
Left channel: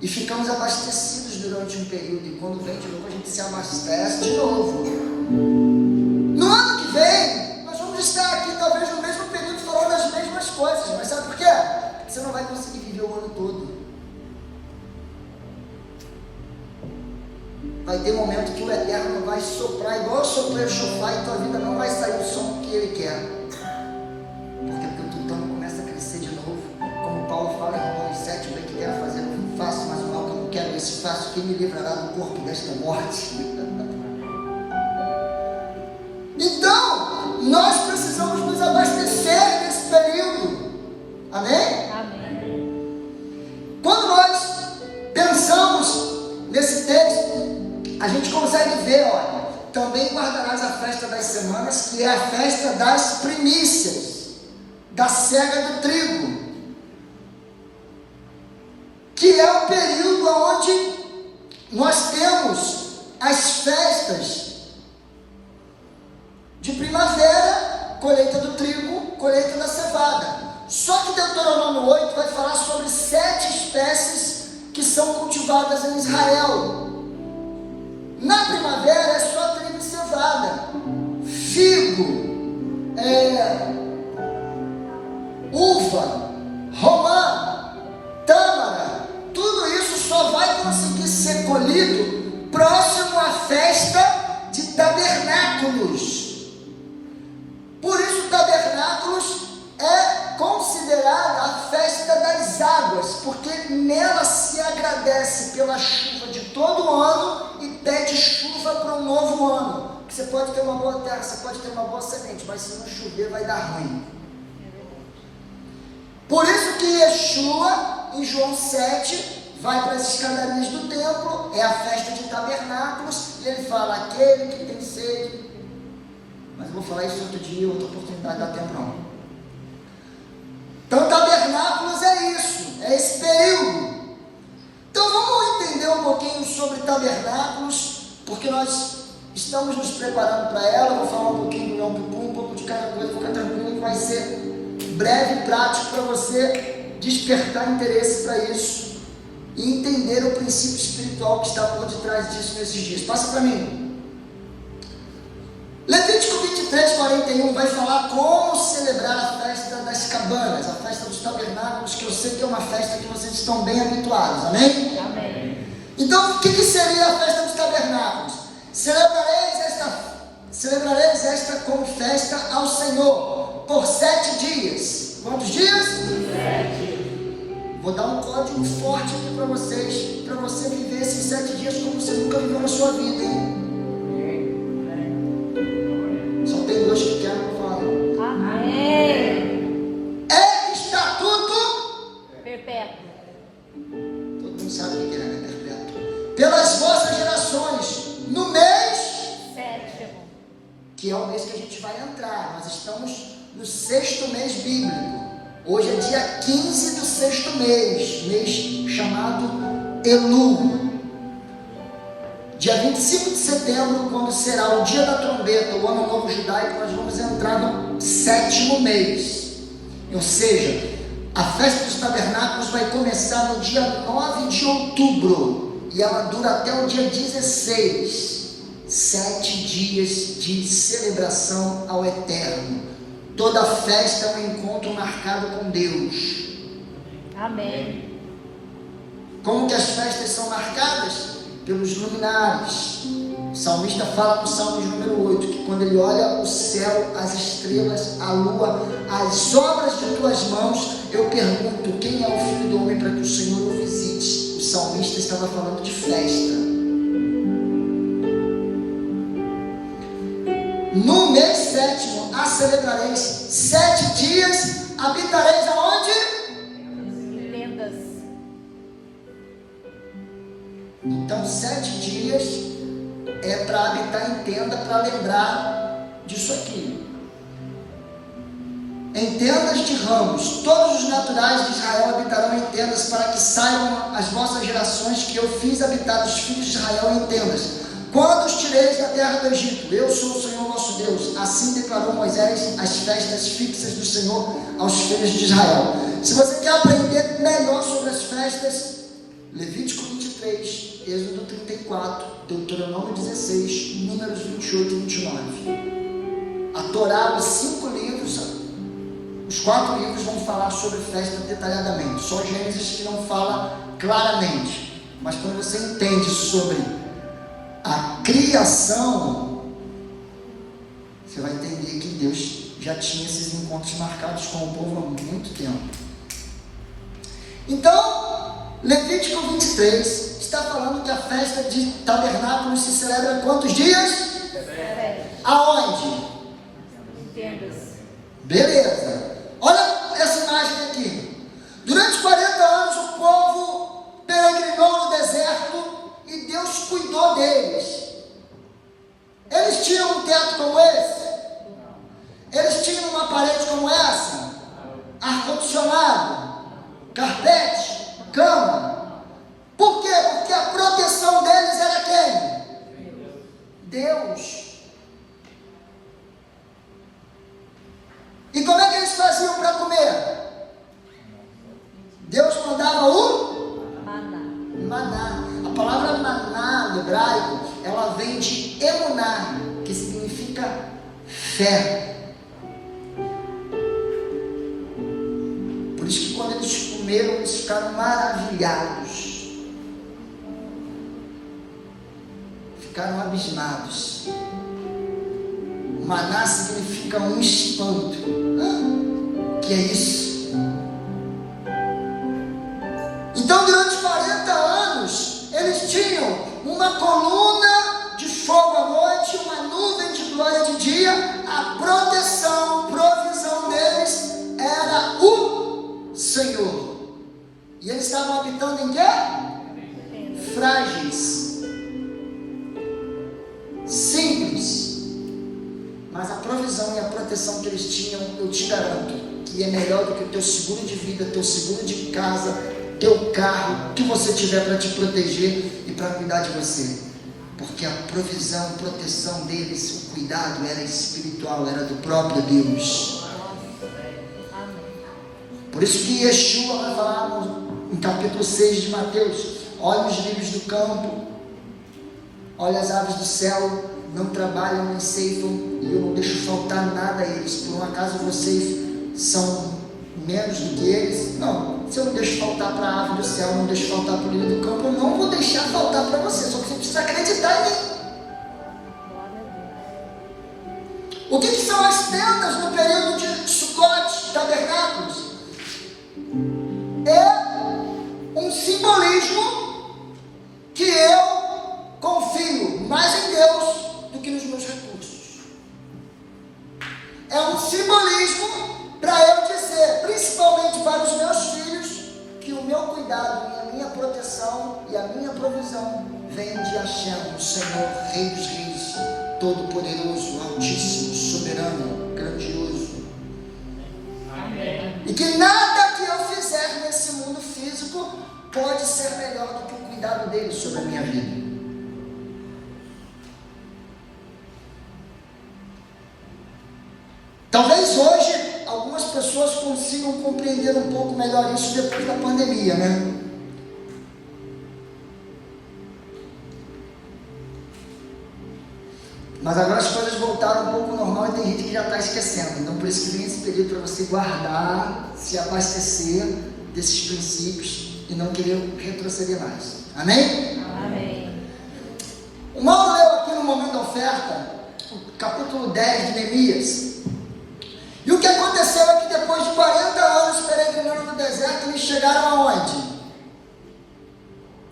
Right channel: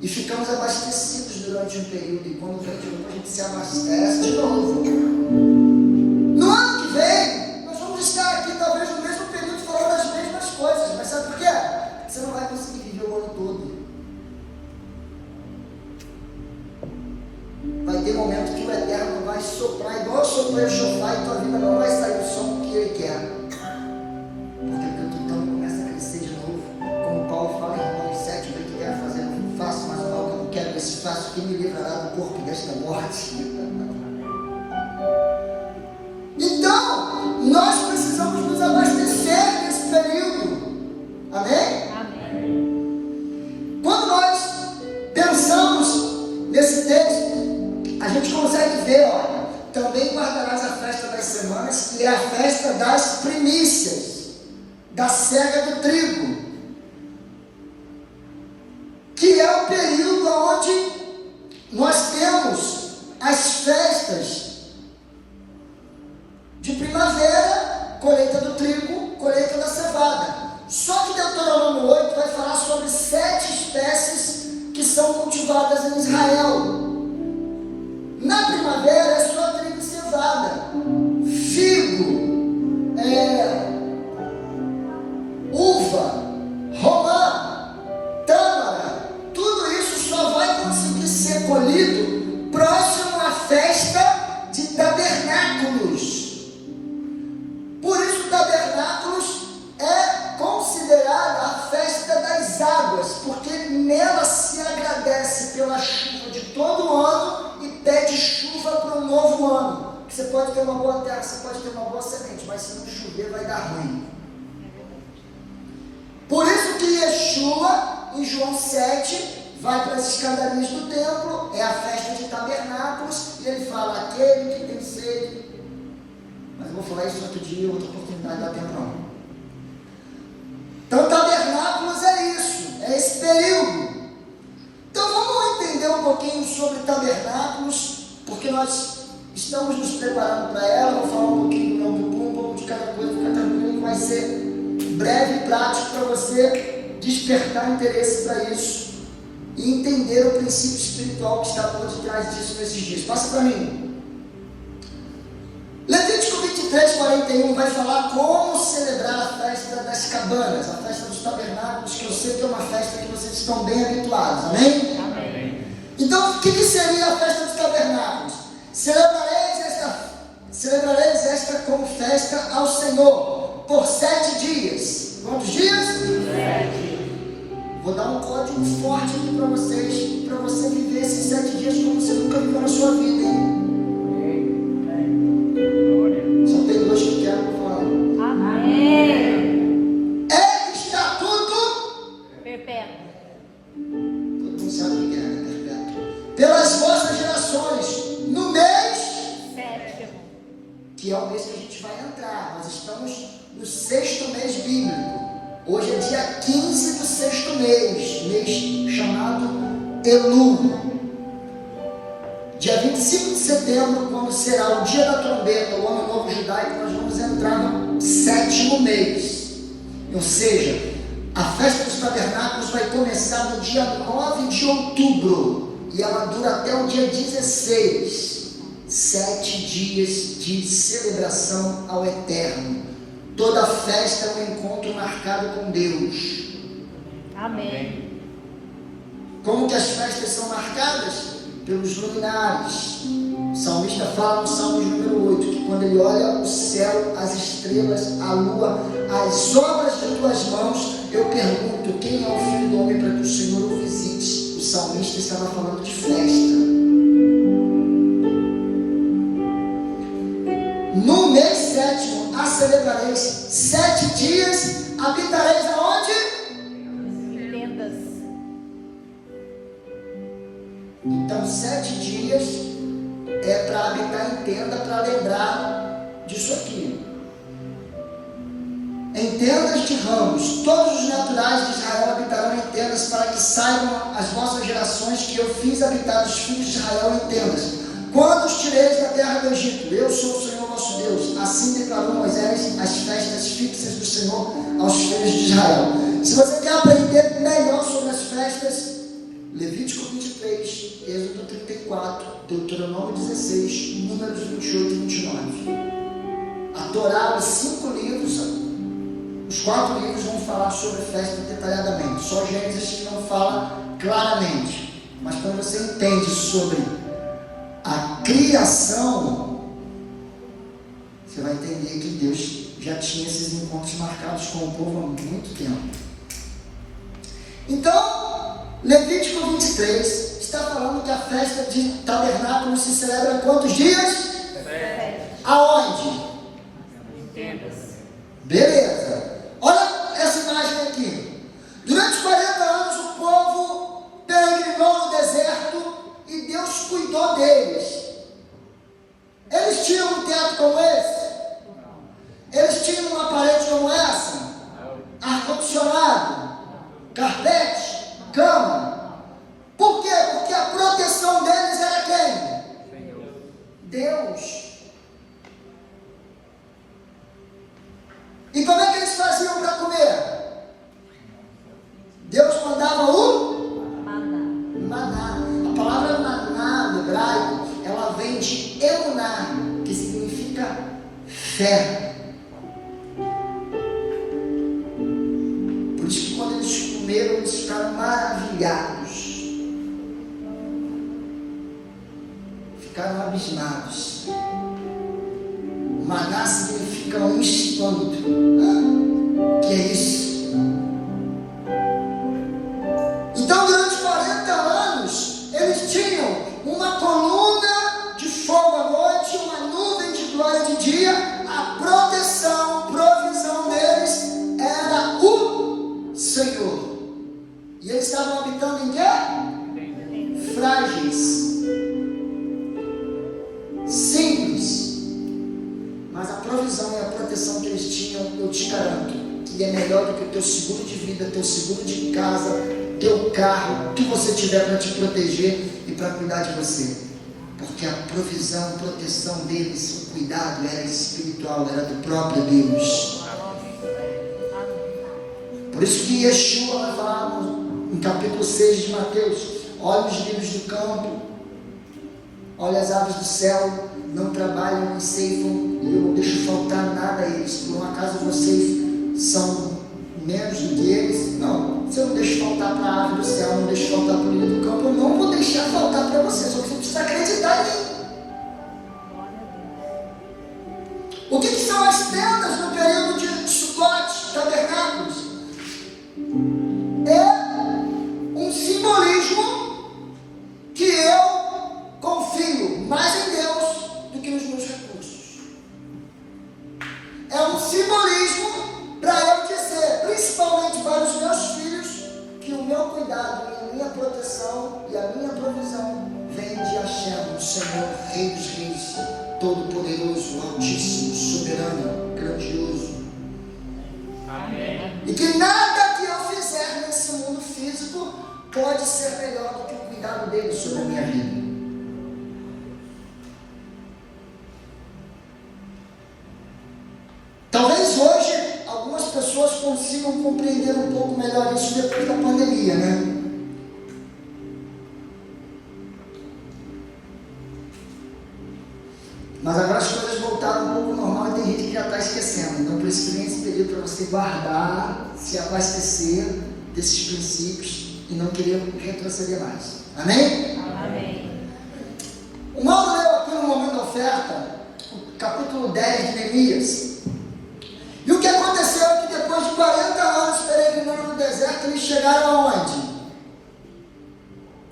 e ficamos abastecidos durante um período, e quando vem de novo a gente se abastece de novo. No ano que vem nós vamos estar aqui talvez no mesmo período falando as mesmas coisas, mas sabe por quê? Você não vai conseguir viver o ano todo. Vai ter momento que o Eterno vai soprar igual eu soprei o chofar e tua vida não vai sair o som que Ele quer. Porque tu então começa a crescer de novo. Como Paulo fala em Romanos 7, bem que quero fazer, eu faço, mas o mal que eu não quero, esse faço, quem me livrará do corpo desta morte? Então, nós precisamos nos abastecer nesse período. Amém? Amém. Quando nós pensamos nesse texto, a gente consegue ver, olha, também guardarás a festa das semanas, que é a festa das primícias, da cega do trigo, que é o período onde nós temos as festas de primavera, colheita do trigo, colheita da cevada. Só que Deuteronômio 8 vai falar sobre 7 espécies que são cultivadas em Israel. Na primavera é só trigo e cevada, figo, uva, romã, tâmara. Tudo isso só vai conseguir ser colhido próximo à festa de tabernáculos. Por isso tabernáculos é considerada a festa das águas, porque nela se agradece pela chuva de todo o ano e pede chuva para um novo ano. Porque você pode ter uma boa terra, você pode ter uma boa semente, mas se não chover vai dar ruim. Por isso que Yeshua, em João 7, vai para as escadarias do templo, é a festa de tabernáculos, e ele fala, aquele que tem sede. Mas eu vou falar isso outro dia, outra oportunidade, não dá tempo não. Então tabernáculos é isso, é esse período. Então vamos entender um pouquinho sobre tabernáculos, porque nós estamos nos preparando para ela. Vou falar um pouquinho do meu bumbum, um pouco de cada coisa, fica tranquilo, que vai ser breve e prático para você despertar interesse para isso e entender o princípio espiritual que está por detrás disso nesses dias. Passa para mim. Levítico 23, 41 vai falar como celebrar a festa das cabanas, a festa dos tabernáculos, que eu sei que é uma festa que vocês estão bem habituados, amém? Amém. Então, o que seria a festa dos tabernáculos? Celebrareis esta como festa ao Senhor, por 7 dias. Quantos dias? 7. Vou dar um código forte aqui para vocês, para você viver esses 7 dias como você nunca viveu na sua vida, hein? Só tem 2 que querem que eu fale. Amém. É estatuto perpétuo. Todo mundo sabe o que é perpétuo. Pelas vossas gerações, no mês 7, que é o mês que a gente vai entrar. Nós estamos no 6º mês bíblico. Hoje é dia 15 do 6º mês chamado Elul. Dia 25 de setembro, quando será o dia da trombeta, o ano novo judaico, nós vamos entrar no 7º mês. Ou seja, a festa dos tabernáculos vai começar no dia 9 de outubro e ela dura até o dia 16. 7 dias de celebração ao Eterno. Toda festa é um encontro marcado com Deus. Amém. Como que as festas são marcadas? Pelos luminares. O salmista fala no Salmo número 8, que quando ele olha o céu, as estrelas, a lua, as obras de tuas mãos, eu pergunto, quem é o Filho do Homem para que o Senhor o visite? O salmista estava falando de festa. No mês 7º, a celebrareis 7 dias, habitareis aonde? Tendas. Então 7 dias é para habitar em tenda, para lembrar disso aqui. Em tendas de ramos, todos os naturais de Israel habitarão em tendas, para que saibam as vossas gerações que eu fiz habitar os filhos de Israel em tendas. Quando os tireis da terra do Egito, eu sou o Senhor vosso Deus. Assim declarou Moisés as festas fixas do Senhor aos filhos de Israel. Se você quer aprender melhor sobre as festas, Levítico 23, Êxodo 34, Deuteronômio 16, Números 28 e 29. A Torá, os 5 livros, os 4 livros vão falar sobre festa detalhadamente. Só Gênesis que não fala claramente. Mas quando você entende sobre a criação, você vai entender que Deus já tinha esses encontros marcados com o povo há muito tempo. Então, Levítico 23 está falando que a festa de tabernáculos se celebra quantos dias? Aonde? Tendas. Beleza. Olha essa imagem aqui. Durante 40 anos o povo peregrinou no deserto e Deus cuidou deles. Eles tinham um teto como esse? Eles tinham uma parede como essa? Ar-condicionado? Carpete? Cama? Por quê? Porque a proteção deles era quem? Deus. E como é que eles faziam para comer? Deus mandava o maná. A palavra maná no hebraico, ela vem de emuná, que significa fé. Por isso que quando eles comeram, eles ficaram maravilhados. Ficaram abismados. Maná significa um espanto. Que é isso? Então, durante 40 anos, eles tinham uma coluna de fogo à noite, uma nuvem de glória de dia. A proteção, provisão deles era o Senhor. E eles estavam habitando em quê? Frágeis. Simples. Mas a provisão e a proteção que eles tinham, eu te garanto, que é melhor do que o teu seguro de vida, teu seguro de casa, teu carro, o que você tiver para te proteger e para cuidar de você. Porque a provisão e proteção deles, o cuidado era espiritual, era do próprio Deus. Por isso que Yeshua vai falar no capítulo 6 de Mateus: olha os lírios do campo, olha as aves do céu, não trabalham nem ceifam, e eu não deixo faltar nada a eles. Por um acaso vocês são menos do que eles? Não. Se eu não deixo faltar para a ave do céu, não deixo faltar para o lírio do campo, eu não vou deixar faltar para você. Só que você precisa acreditar em mim. O que são as tendas no período de Sukkot, tabernáculos? É um simbolismo que eu confio mais em Deus do que nos meus recursos. É um simbolismo para eu dizer, principalmente para os meus filhos, que o meu cuidado e a minha proteção e a minha provisão vem de Hashem, o Senhor, Rei dos Reis, Todo-Poderoso, Altíssimo, Soberano, Grandioso. Amém. E que nada que eu fizer nesse mundo físico pode ser melhor do que o cuidado dele sobre a minha vida. Talvez hoje algumas pessoas consigam compreender um pouco melhor isso depois da pandemia, né? já está esquecendo. Então, por isso que vem esse período para você guardar, se abastecer desses princípios e não querer retroceder mais. Amém? Amém. O Mauro leu aqui no momento da oferta, o capítulo 10 de Neemias. E o que aconteceu é que depois de 40 anos peregrinando no deserto, eles chegaram aonde?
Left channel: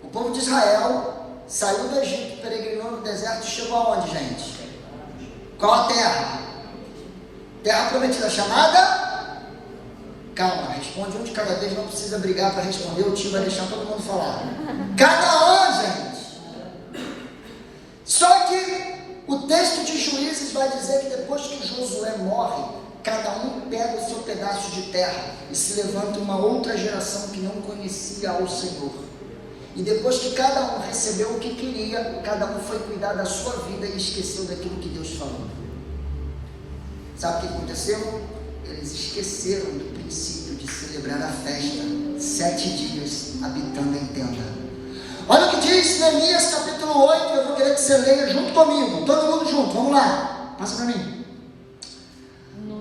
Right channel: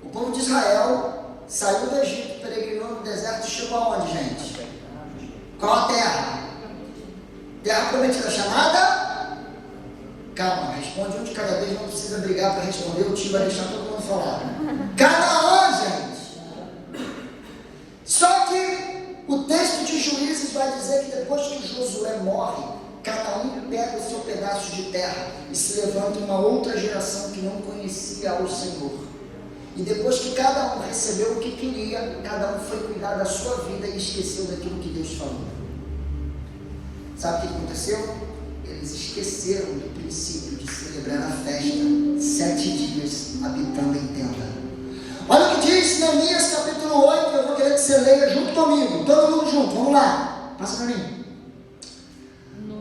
O povo de Israel saiu do Egito, peregrinou no deserto e chegou aonde, gente? Qual a terra? Terra prometida, chamada? Calma, responde um de cada vez, não precisa brigar para responder, o tio vai deixar todo mundo falar. Canaã, gente! Só que o texto de Juízes vai dizer que depois que Josué morre, cada um pega o seu pedaço de terra e se levanta uma outra geração que não conhecia ao Senhor. E depois que cada um recebeu o que queria, cada um foi cuidar da sua vida e esqueceu daquilo que Deus falou. Sabe o que aconteceu? Eles esqueceram do princípio de celebrar a festa 7 dias habitando em tenda. Olha o que diz Neemias capítulo 8, eu vou querer que você leia junto comigo, todo mundo junto, vamos lá, passa para mim.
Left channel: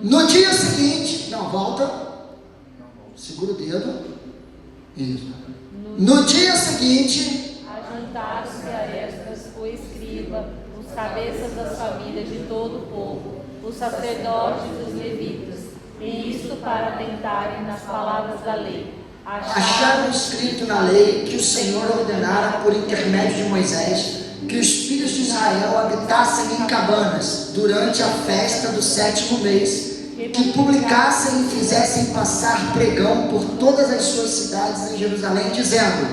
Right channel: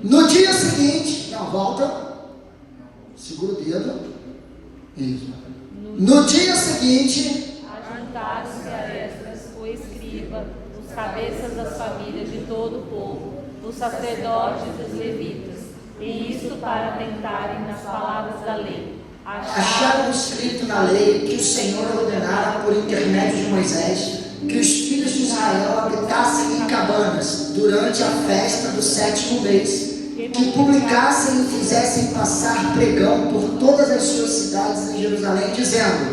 No dia seguinte, não, volta, segura o dedo, isso. No dia seguinte, ajuntaram-se a Esdras, o escriba, os cabeças das famílias de todo o povo, os sacerdotes e os levitas, e isto para atentarem nas palavras da lei. acharam escrito na lei que o Senhor ordenara por intermédio de Moisés que os filhos de Israel habitassem em cabanas durante a festa do 7º mês, que publicassem e fizessem passar pregão por todas as suas cidades em Jerusalém, dizendo:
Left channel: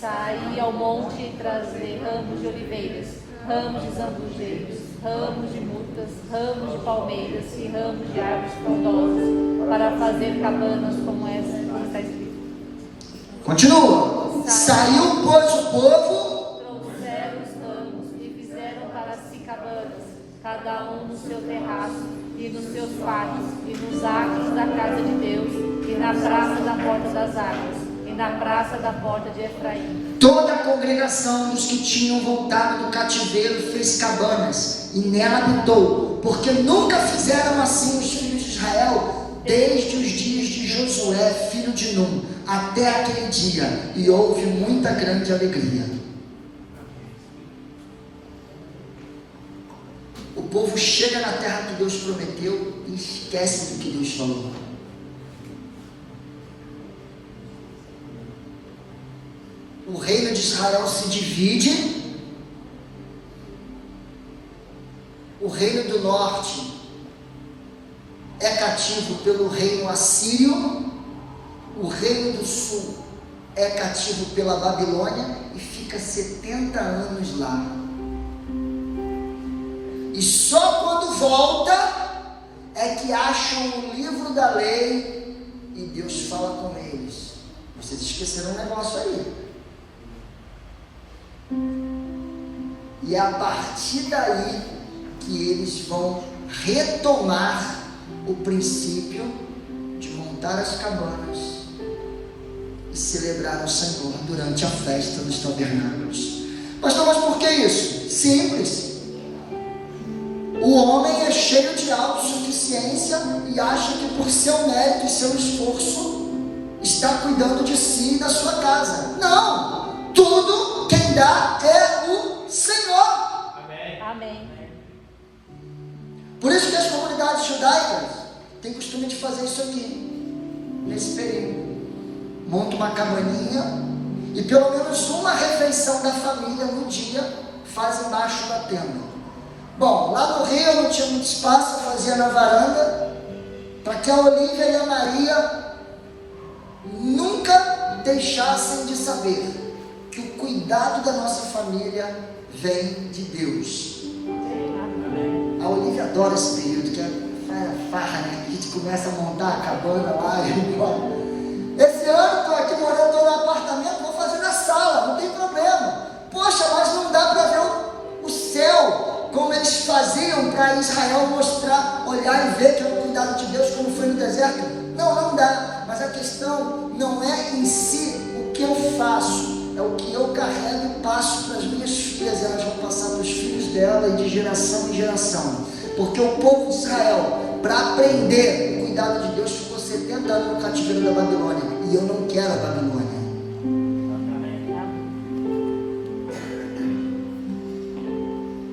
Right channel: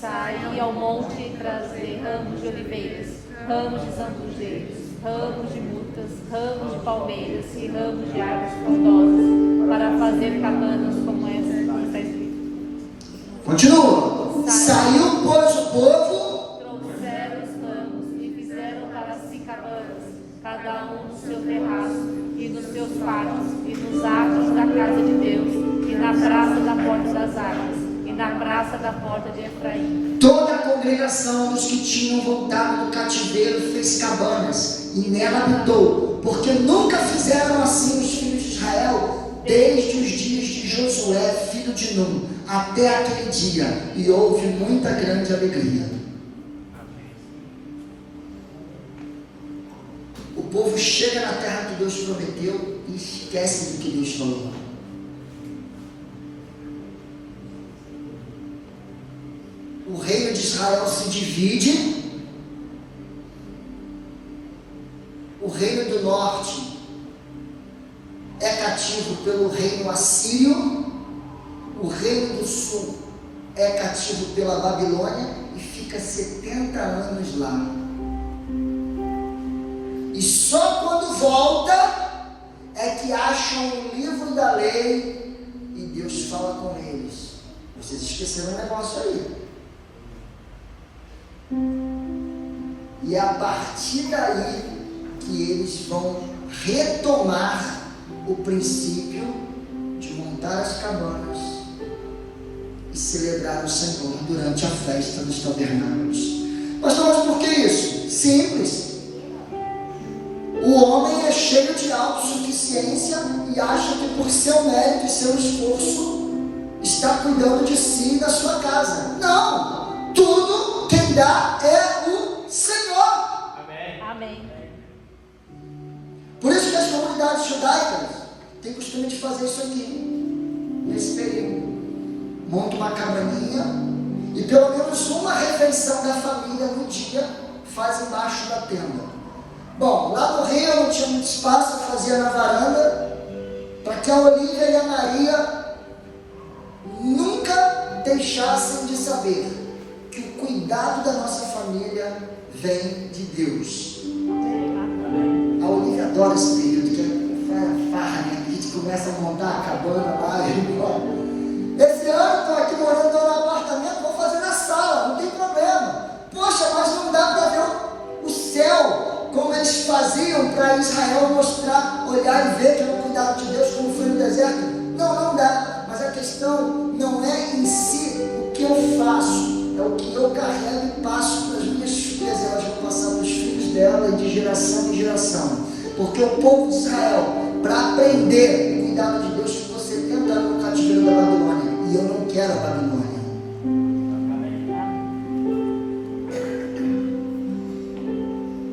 Saí ao monte e trazer ramos de oliveiras, ramos de zambujeiros, ramos de mutas, ramos de palmeiras e ramos de árvores frondosas, para fazer cabanas como essa que está escrito. Continua. Saiu, pois, o povo, trouxeram os ramos e fizeram para si cabanas, cada um no seu terraço, e nos seus pátios, e nos átrios da casa de Deus, e na praça da porta das águas, e na praça da porta de Efraim. toda a congregação dos que tinham voltado do cativeiro fez cabanas, e nela habitou, porque nunca fizeram assim os filhos de Israel, desde os dias de Josué, filho de Num, até aquele dia, e houve muita grande alegria. O povo chega na terra que Deus prometeu e esquece do que Deus falou. O reino de Israel se divide. O reino do norte é cativo pelo reino assírio. O reino do sul é cativo pela Babilônia e fica 70 anos lá. E só quando volta é que acham o livro da lei e Deus fala com eles. Vocês esqueceram um negócio aí. E é a partir daí que eles vão retomar o princípio de montar as cabanas e celebrar o Senhor durante a festa dos tabernáculos. Pastor, mas por que isso? Simples. O homem é cheio de autossuficiência e acha que por seu mérito e seu esforço está cuidando de si e da sua casa. Não! Tudo quem dá é o Senhor. Amém. Por isso que as comunidades judaicas têm costume de fazer isso aqui, nesse período. Monta uma cabaninha e pelo menos uma refeição da família no dia faz embaixo da tenda. Bom, lá no Rio não tinha muito espaço, eu fazia na varanda, para que a Olívia e a Maria nunca deixassem de saber que o cuidado da nossa família vem de Deus. A Olívia adora esse período, que é farra, né? A gente começa a montar a cabana lá e embora. Esse ano estou aqui morando no apartamento, vou fazer na sala, não tem problema. Poxa, mas não dá para ver o céu como eles faziam para Israel mostrar, olhar e ver que é o cuidado de Deus, como foi no deserto. Não dá. Mas a questão não é em si o que eu faço, é o que eu carrego e passo para as minhas filhas. Elas vão passar para os filhos dela e de geração em geração. Porque o povo de Israel, para aprender o cuidado de Deus, ficou 70 anos no cativeiro da Babilônia. E eu não quero a Babilônia.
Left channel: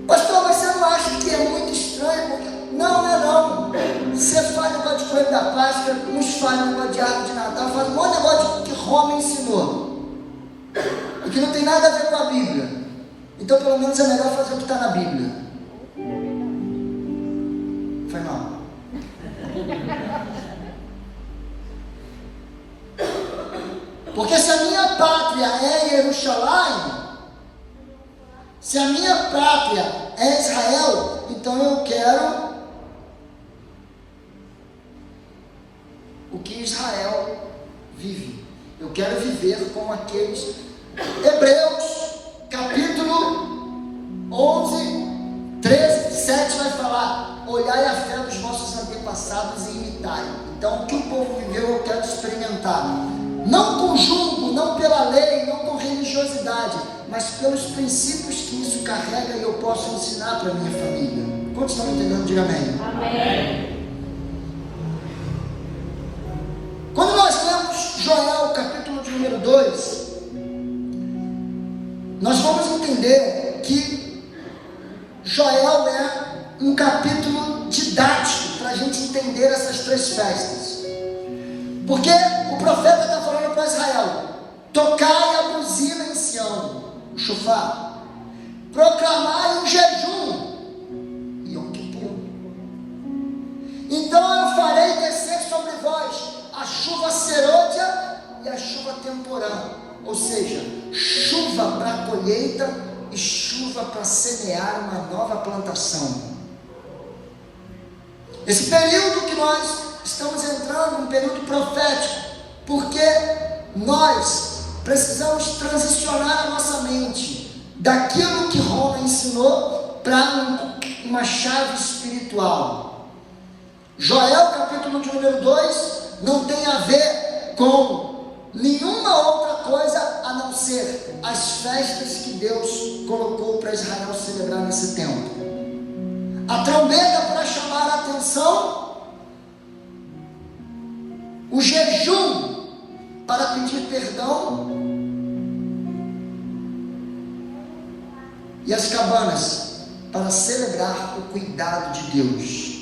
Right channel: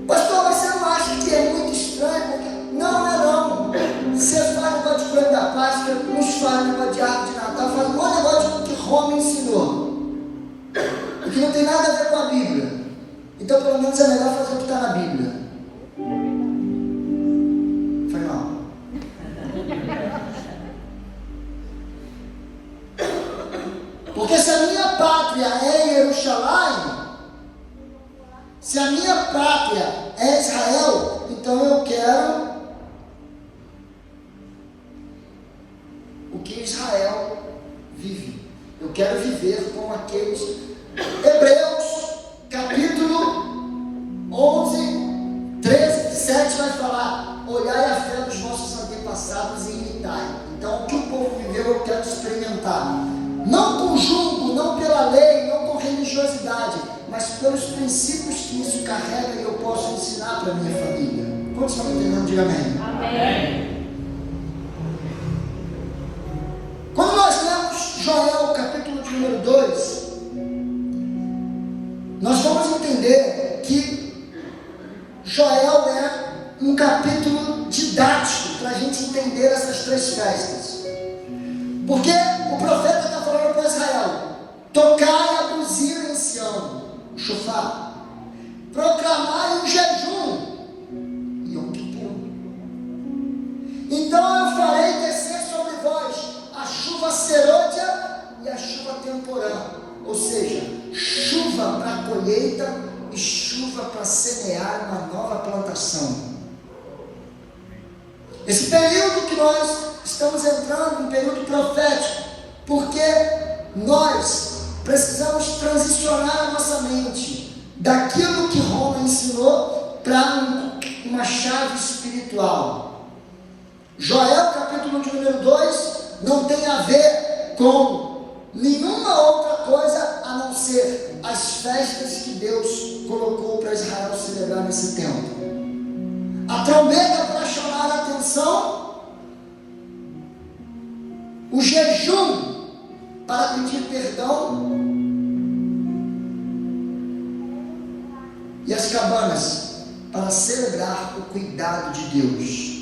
Pastor, mas você não acha que é muito estranho? Não, não é não. Você faz negócio de coelho da Páscoa, uns fazem negócio de árvore de Natal, faz um monte de negócio que Roma ensinou. E que não tem nada a ver com a Bíblia. Então, pelo menos é melhor fazer o que está na Bíblia. Foi mal. Porque se a minha pátria é Jerusalém, se a minha pátria é Israel, então eu quero o que Israel vive. Eu quero viver com aqueles. Hebreus, capítulo 11, 13, 7 vai falar: olhai a fé dos vossos antepassados e imitai. Então, o que o povo viveu, eu quero experimentar. Não com julgo, não pela lei, não com religiosidade, mas pelos princípios que isso carrega e eu posso ensinar para a minha família. Quantos estão entendendo? Diga amém. Amém. Quando nós lemos Joel, capítulo de número 2, nós vamos entender que Joel é um capítulo didático para a gente entender essas três festas. Porque o profeta está falando para Israel: tocai a buzina em Sião, o chofar, proclamai um jejum, Yom Kippur. Então eu farei descer sobre vós a chuva serôdia e a chuva temporã, ou seja, chuva para a colheita e chuva para semear uma nova plantação. Esse período que nós estamos entrando, um período profético, porque nós precisamos transicionar a nossa mente daquilo que Roma ensinou para uma chave espiritual. Joel, capítulo de número 2, não tem a ver com nenhuma outra coisa a não ser as festas que Deus colocou para Israel celebrar nesse tempo. A trombeta para chamar a atenção, o jejum para pedir perdão e as cabanas para celebrar o cuidado de Deus.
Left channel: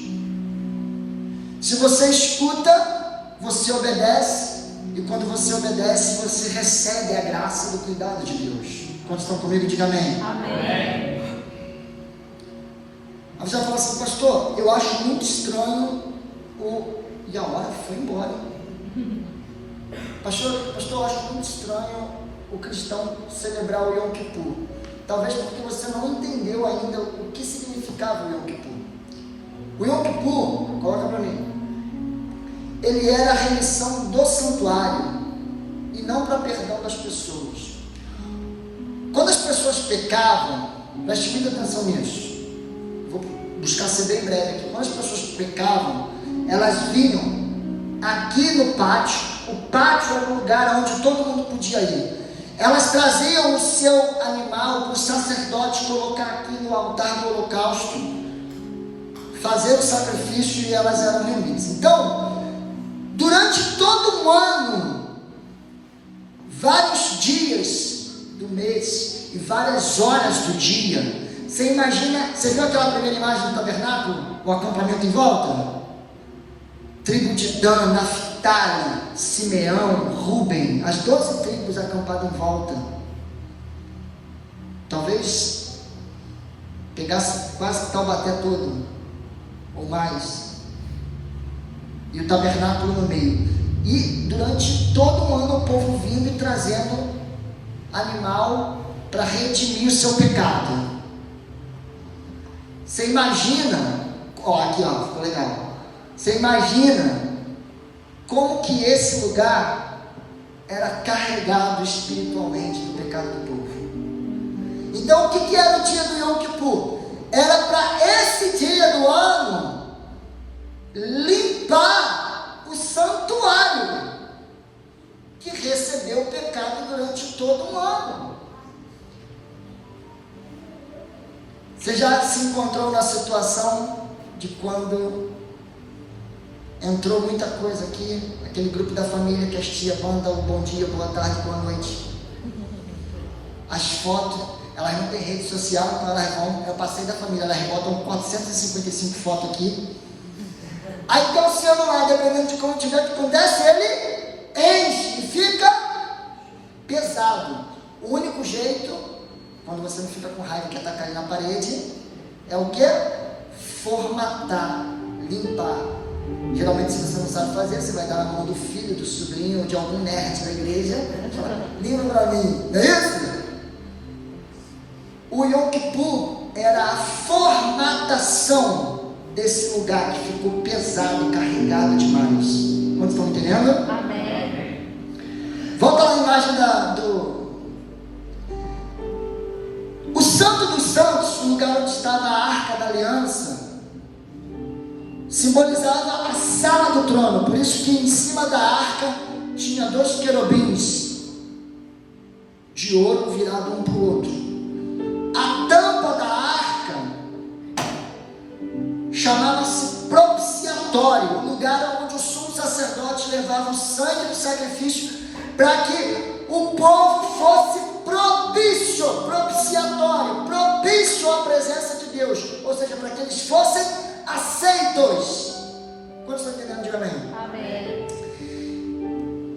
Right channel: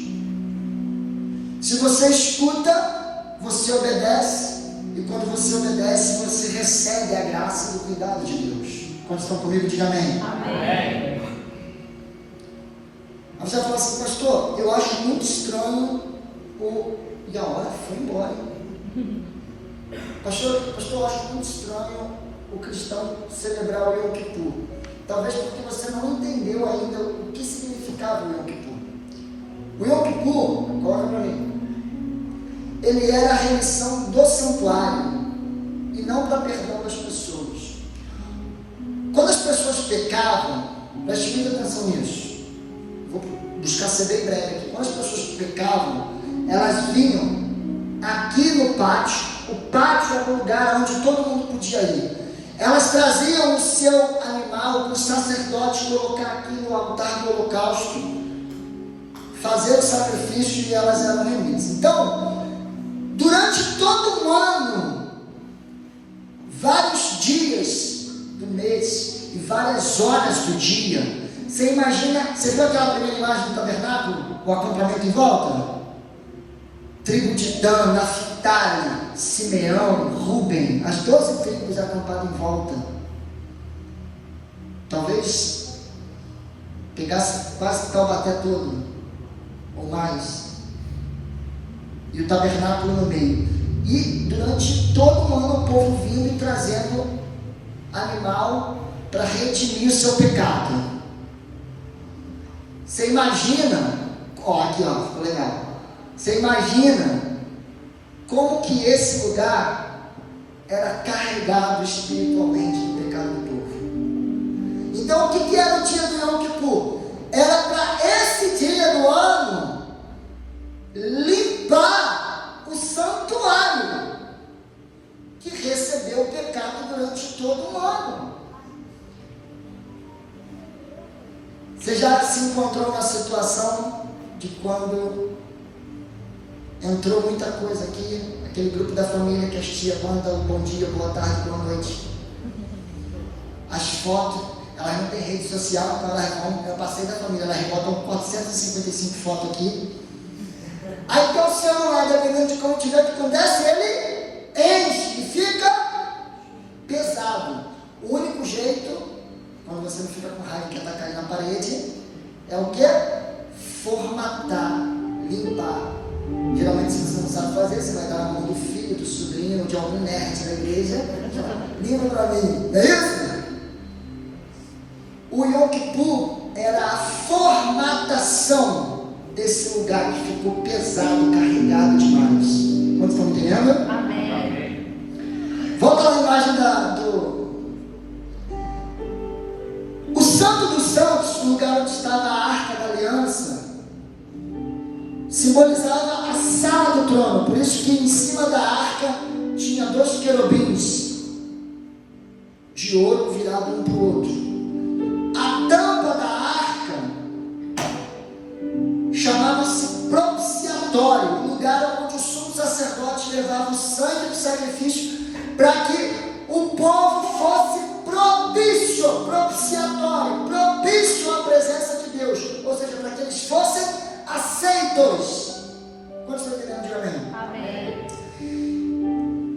Se você escuta, você obedece, e quando você obedece, você recebe a graça do cuidado de Deus. Quando estão comigo, diga amém. Amém. Aí você vai falar assim: pastor, eu acho muito estranho e a hora foi embora. Pastor, eu acho muito estranho o cristão celebrar o Yom Kippur. Talvez porque você não entendeu ainda o que significava o Yom Kippur. O Yom Kippur, coloca para mim, ele era a remissão do santuário e não para perdão das pessoas. Quando as pessoas pecavam, preste muita atenção nisso. Vou buscar ser bem breve aqui. Quando as pessoas pecavam, elas vinham aqui no pátio. O pátio era o lugar onde todo mundo podia ir. Elas traziam o seu animal para o sacerdote colocar aqui no altar do holocausto, fazer o sacrifício, e elas eram remidas. Então, durante todo um ano, vários dias do mês e várias horas do dia, você imagina, você viu aquela primeira imagem do tabernáculo? O acampamento em volta? Tribo de Dan, Naftali, Simeão, Ruben, as 12 tribos acampadas em volta. Talvez pegasse quase Taubaté todo, ou mais. E o tabernáculo no meio. E durante todo o ano o povo vindo e trazendo animal para redimir o seu pecado. Você imagina, aqui ficou legal. Você imagina como que esse lugar era carregado espiritualmente do pecado do povo. Então, o que era o dia do Yom Kippur? Era para esse dia do ano limpar o santuário que recebeu o pecado durante todo o ano. Você já se encontrou na situação de quando entrou muita coisa aqui, aquele grupo da família que as tia mandam um bom dia, boa tarde, boa noite. As fotos, elas não têm rede social, então elas vão, eu passei da família, elas botam 455 fotos aqui. Aí tem o celular, dependendo de como tiver que acontece, ele enche e fica pesado. O único jeito, quando você não fica com raiva que está caindo na parede, é o que? Formatar, limpar. Geralmente, se você não sabe fazer, você vai dar na mão do filho, do sobrinho, de algum nerd da igreja, e fala, limpa para mim, não é isso? O Yom Kippur era a formatação desse lugar que ficou pesado, carregado demais. Quantos estão entendendo? Amém. Volta lá na imagem o Santo dos Santos, o lugar onde estava a Arca da Aliança, simbolizava a sala do trono. Por isso que em cima da arca tinha 2 querubins de ouro virado um para o outro. A tampa da arca chamava-se propiciatório, lugar onde o sumo sacerdote levava o sangue do sacrifício para que o povo fosse propiciatório, propício à presença de Deus, ou seja, para que eles fossem aceitos. Quantos estão entendendo? Diga amém. Amém.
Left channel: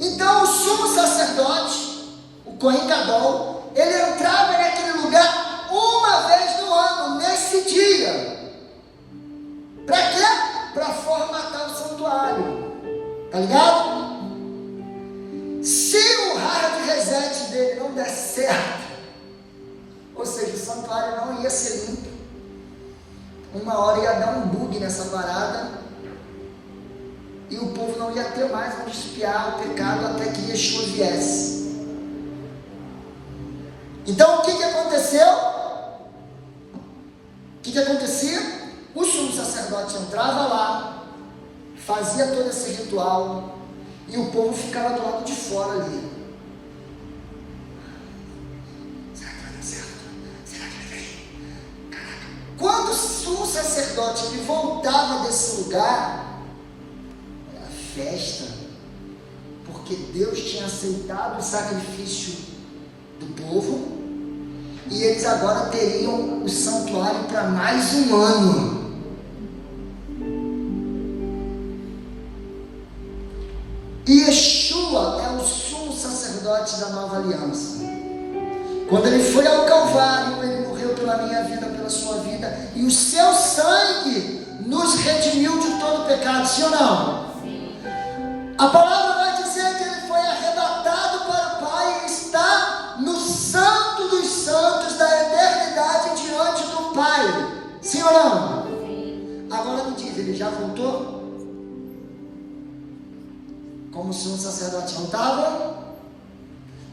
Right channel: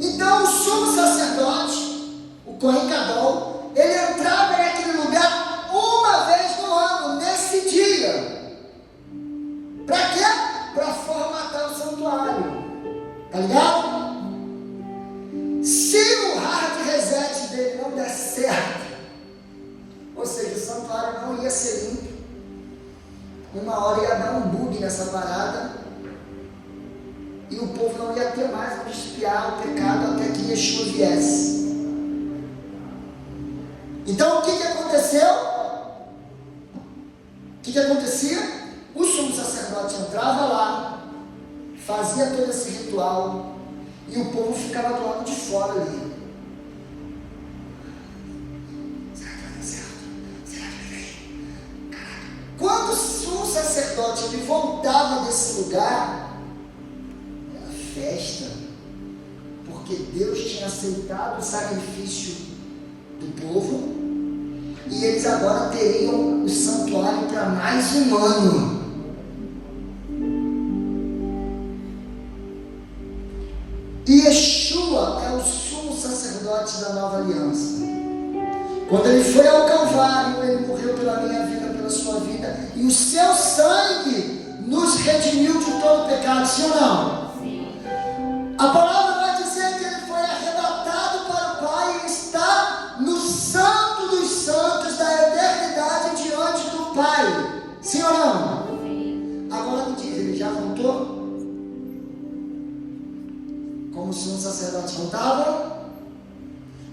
Então o sumo sacerdote, o Cohen Gadol, ele entrava naquele lugar uma vez no ano, nesse dia. Para quê? Para formatar o santuário. Tá ligado? Se o hard reset dele não der certo, ou seja, o santuário não ia ser limpo, uma hora ia dar um bug nessa parada e o povo não ia ter mais onde espiar o pecado até que Yeshua viesse. Então o que aconteceu? O que acontecia? O sumo sacerdote entrava lá, fazia todo esse ritual e o povo ficava do lado de fora ali. Será que vai dar certo? Será que vai vir? Quando o sumo sacerdote ele voltava desse lugar, era festa, porque Deus tinha aceitado o sacrifício do povo e eles agora teriam o santuário para mais um ano. E Yeshua é o sumo sacerdote da nova aliança. Quando ele foi ao Calvário, ele morreu pela minha vida, pela sua vida, e o seu sangue nos redimiu de todo pecado, sim ou não? Sim. A palavra vai dizer que ele foi arrebatado para o Pai e está no Santo dos Santos da eternidade diante do Pai, sim ou não? Sim. Agora me diz, ele já voltou? Como se um sacerdote voltava?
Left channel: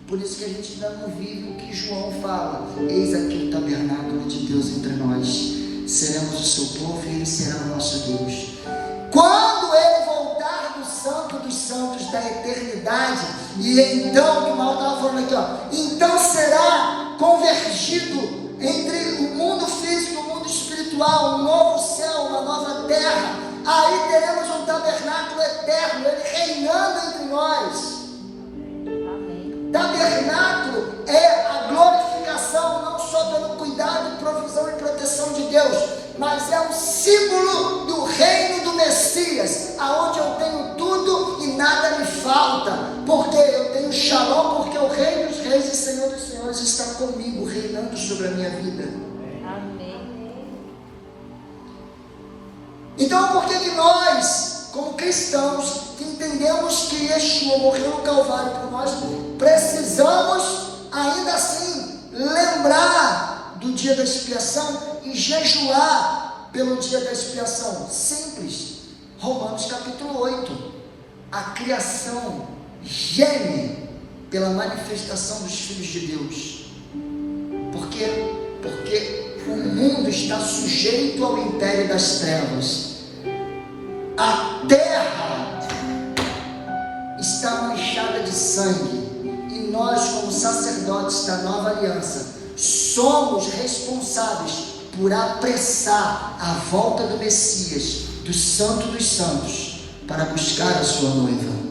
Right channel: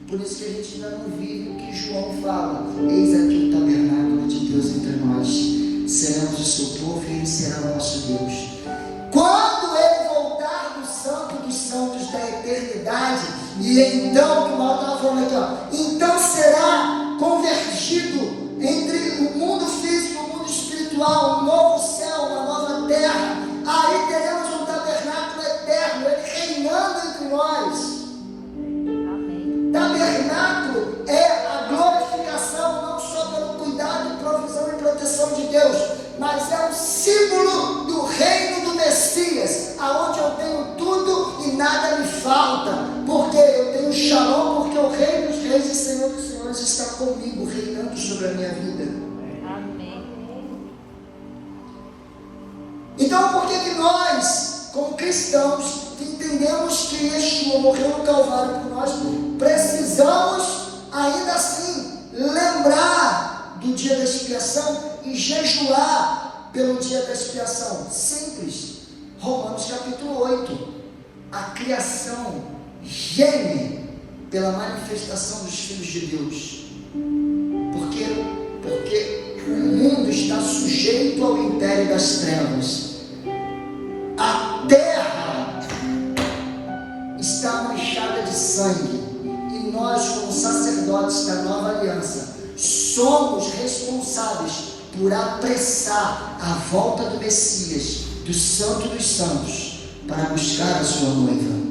Por isso que a gente ainda não vive o que João fala. Eis aqui o tabernáculo de Deus entre nós. Seremos o seu povo e ele será o nosso Deus. Quando ele voltar do Santo dos Santos da eternidade, e então, que o Mal estava falando aqui, ó, então será convergido entre o mundo físico e o mundo espiritual, um novo céu, uma nova terra. Aí teremos um tabernáculo eterno, ele reinando entre nós. Tabernáculo é a glorificação, não só pelo cuidado, provisão e proteção de Deus, mas é um símbolo do reino do Messias, aonde eu tenho tudo e nada me falta, porque eu tenho Shalom, porque o Rei dos Reis e Senhor dos Senhores está comigo, reinando sobre a minha vida. Então, por que nós, como cristãos, que entendemos que Yeshua morreu no Calvário por nós, precisamos, ainda assim, lembrar do dia da expiação e jejuar pelo dia da expiação? Simples. Romanos capítulo 8. A criação geme pela manifestação dos filhos de Deus. Por quê? Porque o mundo está sujeito ao império das trevas. A terra está manchada de sangue. E nós, como sacerdotes da nova aliança, somos responsáveis por apressar a volta do Messias, do Santo dos Santos, para buscar a sua noiva.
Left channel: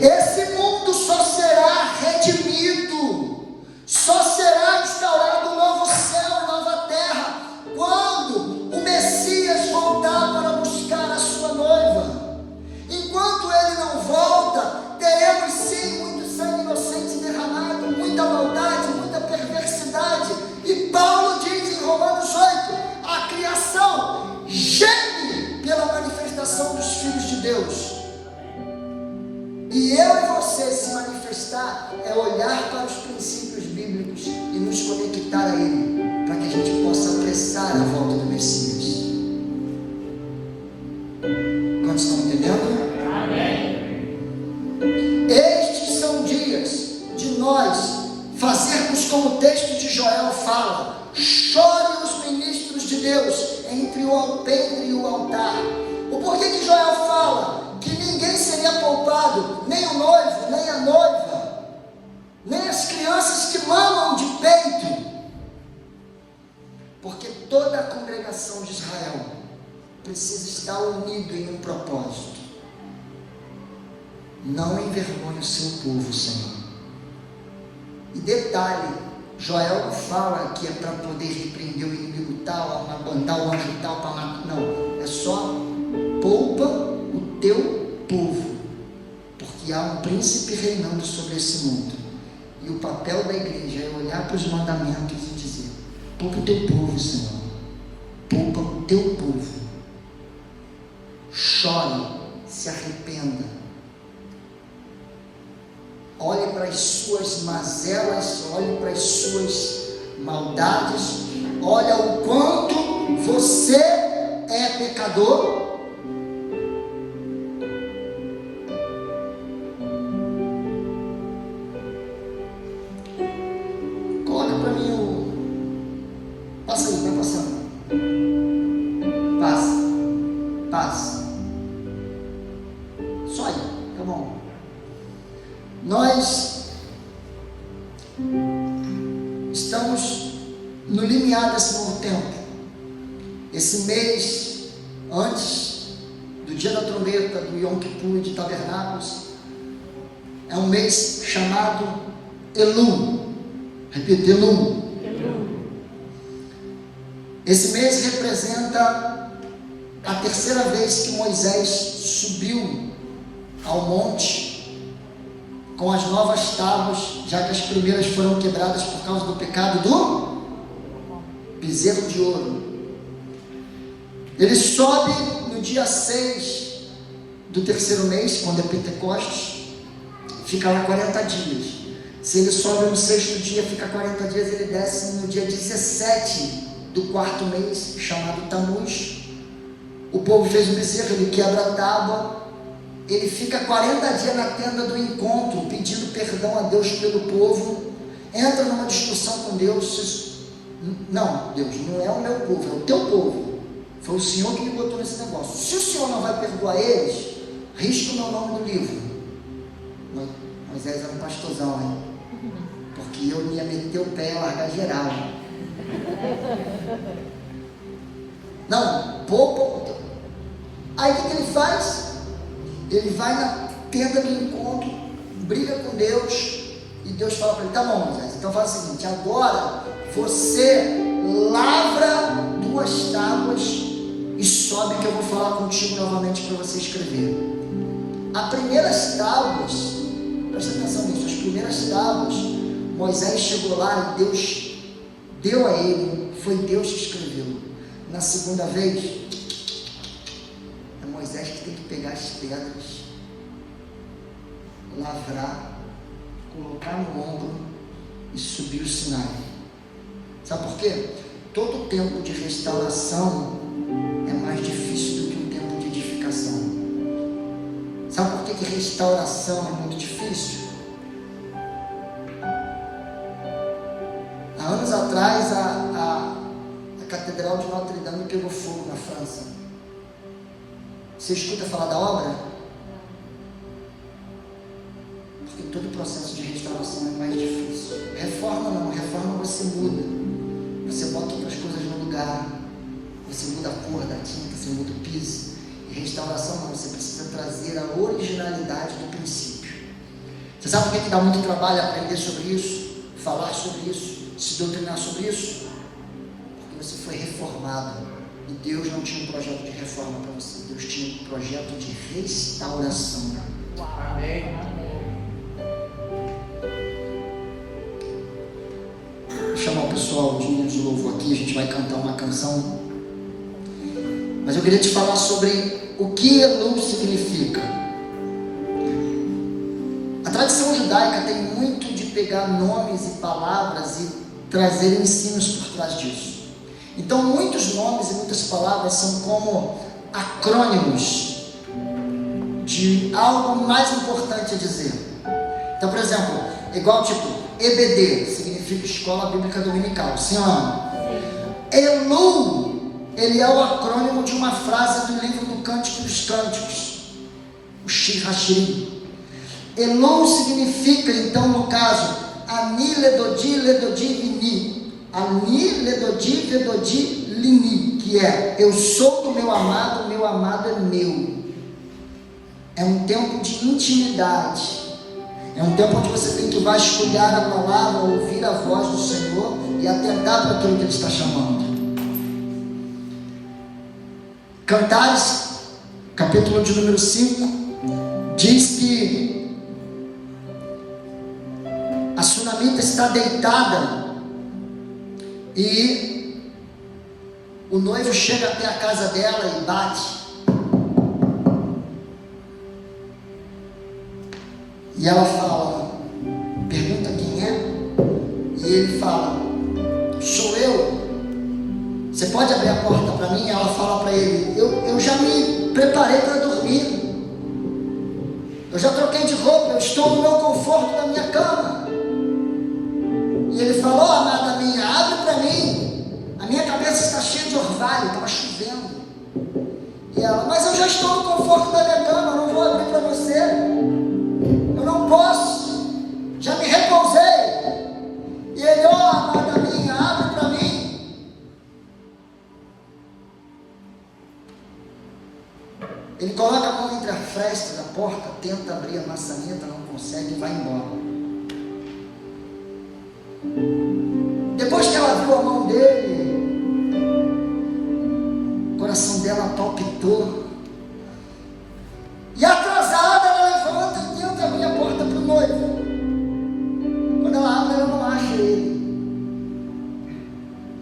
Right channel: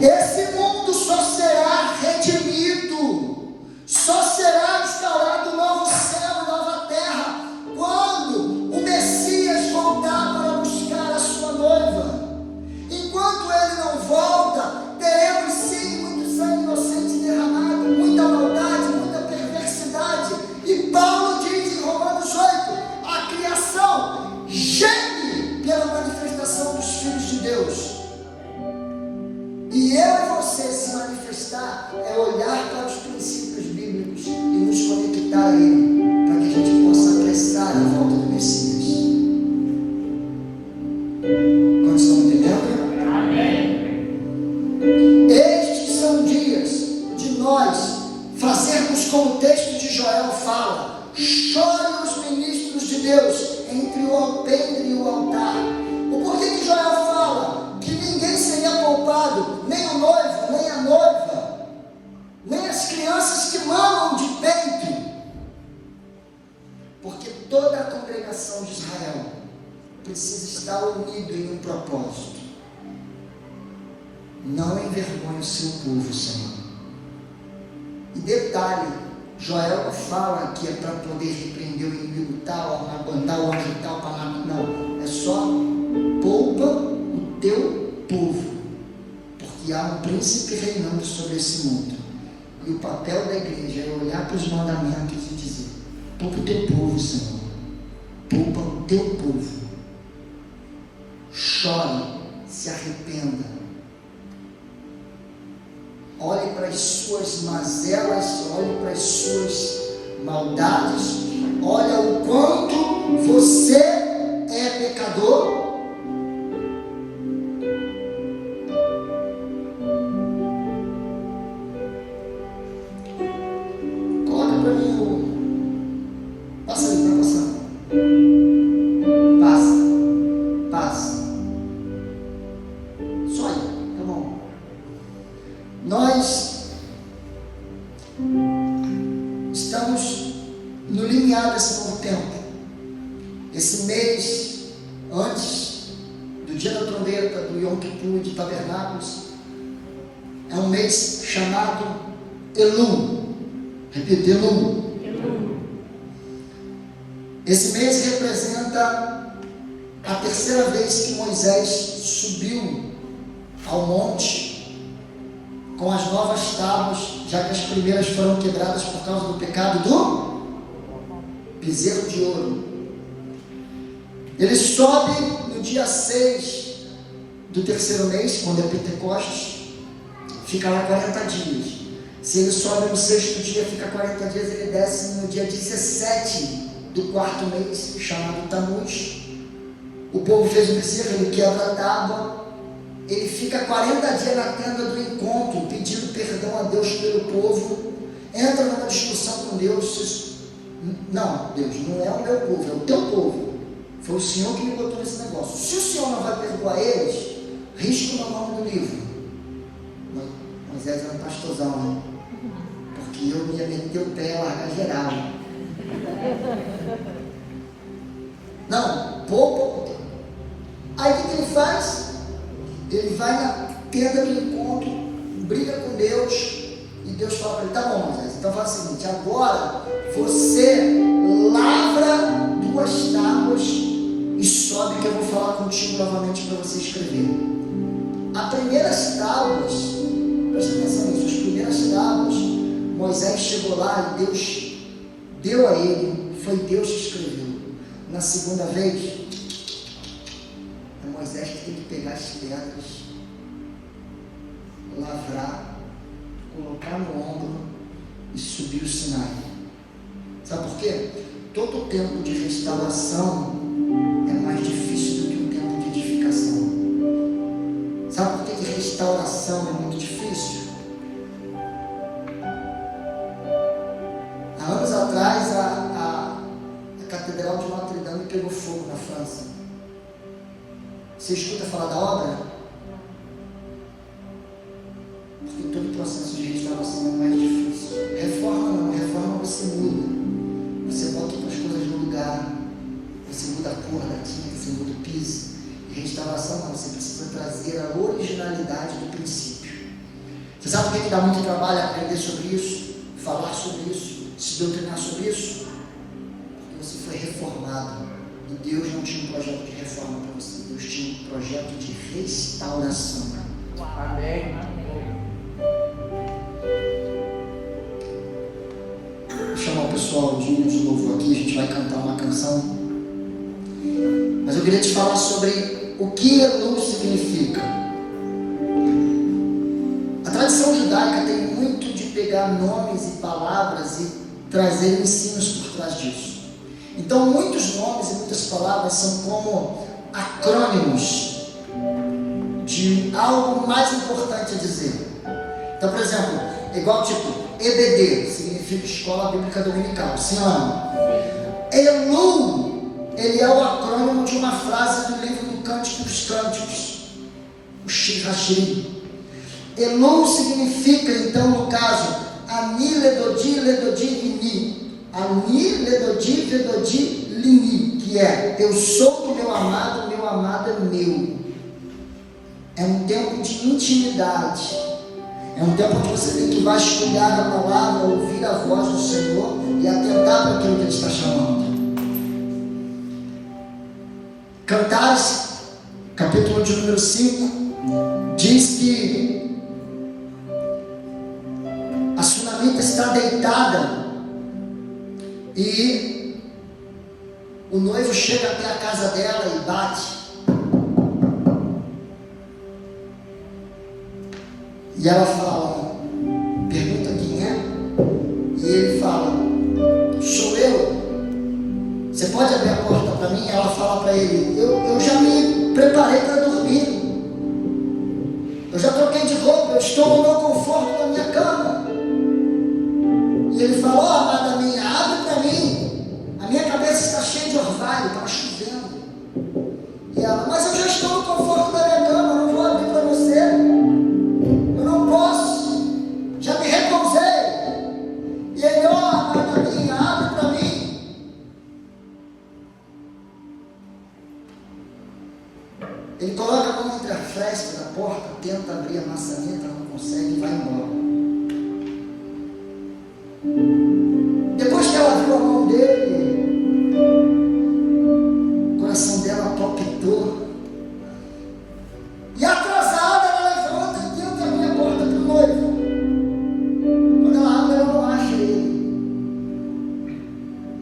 Esse mundo só será redimido, só será instaurado um novo céu, nova terra, quando o Messias voltar para buscar a sua noiva. Enquanto ele não volta, teremos sim muito sangue inocente derramado, muita maldade, muita perversidade. E Paulo diz em Romanos 8, a criação geme pela manifestação dos filhos de Deus. E eu e você se manifestar é olhar para os princípios bíblicos e nos conectar a Ele, para que a gente possa apressar a volta do Messias. Quantos estão entendendo? Amém. Estes são dias de nós fazermos como o texto de Joel fala: chorem os ministros de Deus entre o alpendre e o altar. O porquê que Joel fala que ninguém seria poupado, nem o noivo, nem a noiva, nem as crianças que mamam de peito? Porque toda a congregação de Israel precisa estar unida em um propósito. Não envergonhe o seu povo, Senhor. E detalhe, Joel não fala que é para poder repreender o inimigo tal, mandar o anjo tal para matar. Não, é só poupa o teu povo, porque há um príncipe reinando sobre esse mundo. E o papel da igreja é olhar para os mandamentos e dizer: poupa o teu povo, Senhor, poupa o teu povo. Chore, se arrependa, olhe para as suas mazelas, olhe para as suas maldades, olha o quanto você é pecador. Coloca para mim o... Passa aí, vai passando. Passa. Só aí, tá bom. Nós estamos no limiar desse novo tempo. Esse mês, antes do dia da trombeta, do Yom Kippur, de Tabernáculos, é um mês chamado Elul. Repita, Elul. Esse mês representa a terceira vez que Moisés subiu ao monte com as novas tábuas, já que as primeiras foram quebradas por causa do pecado do bezerro de ouro. Ele sobe no dia 6 do terceiro mês, quando é Pentecostes, fica lá 40 dias. Se ele sobe no sexto dia, fica 40 dias, ele desce no dia 17 do quarto mês, chamado Tammuz. O povo fez o bezerro, ele quebra a tábua, ele fica 40 dias na tenda do encontro, pedindo perdão a Deus pelo povo, entra numa discussão com Deus. Não, Deus, não é o meu povo, é o teu povo. Foi o Senhor que me botou nesse negócio. Se o Senhor não vai perdoar eles, risca o meu nome do livro. Moisés era um pastorzão, né? Porque eu ia meter o pé e largar geral. Não, poupa. Aí o que ele faz? Ele vai na tenda do encontro, briga com Deus, e Deus fala para ele: tá bom, Moisés, então faz o seguinte, agora você lavra 2 tábuas e sobe que eu vou falar contigo novamente para você escrever. As primeiras tábuas, presta atenção nisso, as primeiras tábuas, Moisés chegou lá e Deus deu a ele, foi Deus que escreveu. Na segunda vez, é Moisés que tem que pegar as pedras, lavrar, colocar no ombro e subir o Sinai. Sabe por quê? Todo tempo de restauração é mais difícil do que um tempo de edificação. Sabe por que restauração é muito difícil? Há anos atrás, a Catedral de Notre Dame pegou fogo na França. Você escuta falar da obra? Porque todo o processo de restauração é mais difícil. Reforma não, reforma você muda. Você bota outras coisas no lugar. você muda a cor da tinta, você muda o piso. E restauração não, você precisa trazer a originalidade do princípio. Você sabe por que dá muito trabalho aprender sobre isso, falar sobre isso, se doutrinar sobre isso? Porque você foi reformado. E Deus não tinha um projeto de reforma para você. Deus tinha um projeto de restauração. Amém. Vou chamar o pessoal de louvor aqui, a gente vai cantar uma canção. Mas eu queria te falar sobre o que Elul significa. A tradição judaica tem muito de pegar nomes e palavras e trazer ensinos por trás disso. Então muitos nomes e muitas palavras são como acrônimos de algo mais importante a dizer. Então, por exemplo, igual tipo EBD, significa Escola Bíblica Dominical, sim ou não? Elul, ele é o acrônimo de uma frase do livro do Cântico dos Cânticos, o Shir Hashirim. Elul significa, então, no caso, Ani Ledodi Ledodi Vini, Ani Ledodi Vedodi Lini, que é, eu sou do meu amado é meu. É um tempo de intimidade. É um tempo onde você tem que vasculhar a palavra, ouvir a voz do Senhor e atentar para aquilo que Ele está chamando. Cantares, capítulo de número 5, diz que a sunamita está deitada e o noivo chega até a casa dela e bate. E ela fala, pergunta quem é, e ele fala, sou eu, você pode abrir a porta para mim? Ela fala para ele, eu já me preparei para dormir, eu já troquei de roupa, eu estou no meu conforto na minha cama. E ele falou, amada minha, abre para mim, a minha cabeça está cheia de orvalho, estava chovendo. E ela, mas eu já estou no conforto da minha cama, eu não vou abrir para você. Não posso, já me repousei. E ele, amada minha, abre para mim. Ele coloca a mão entre a fresta da porta, tenta abrir a maçaneta, não consegue e vai embora. Depois que ela viu a mão dele, o coração dela palpitou. E atrasada, ela levanta e tenta abrir a porta para o noivo. Quando ela abre, ela não acha ele.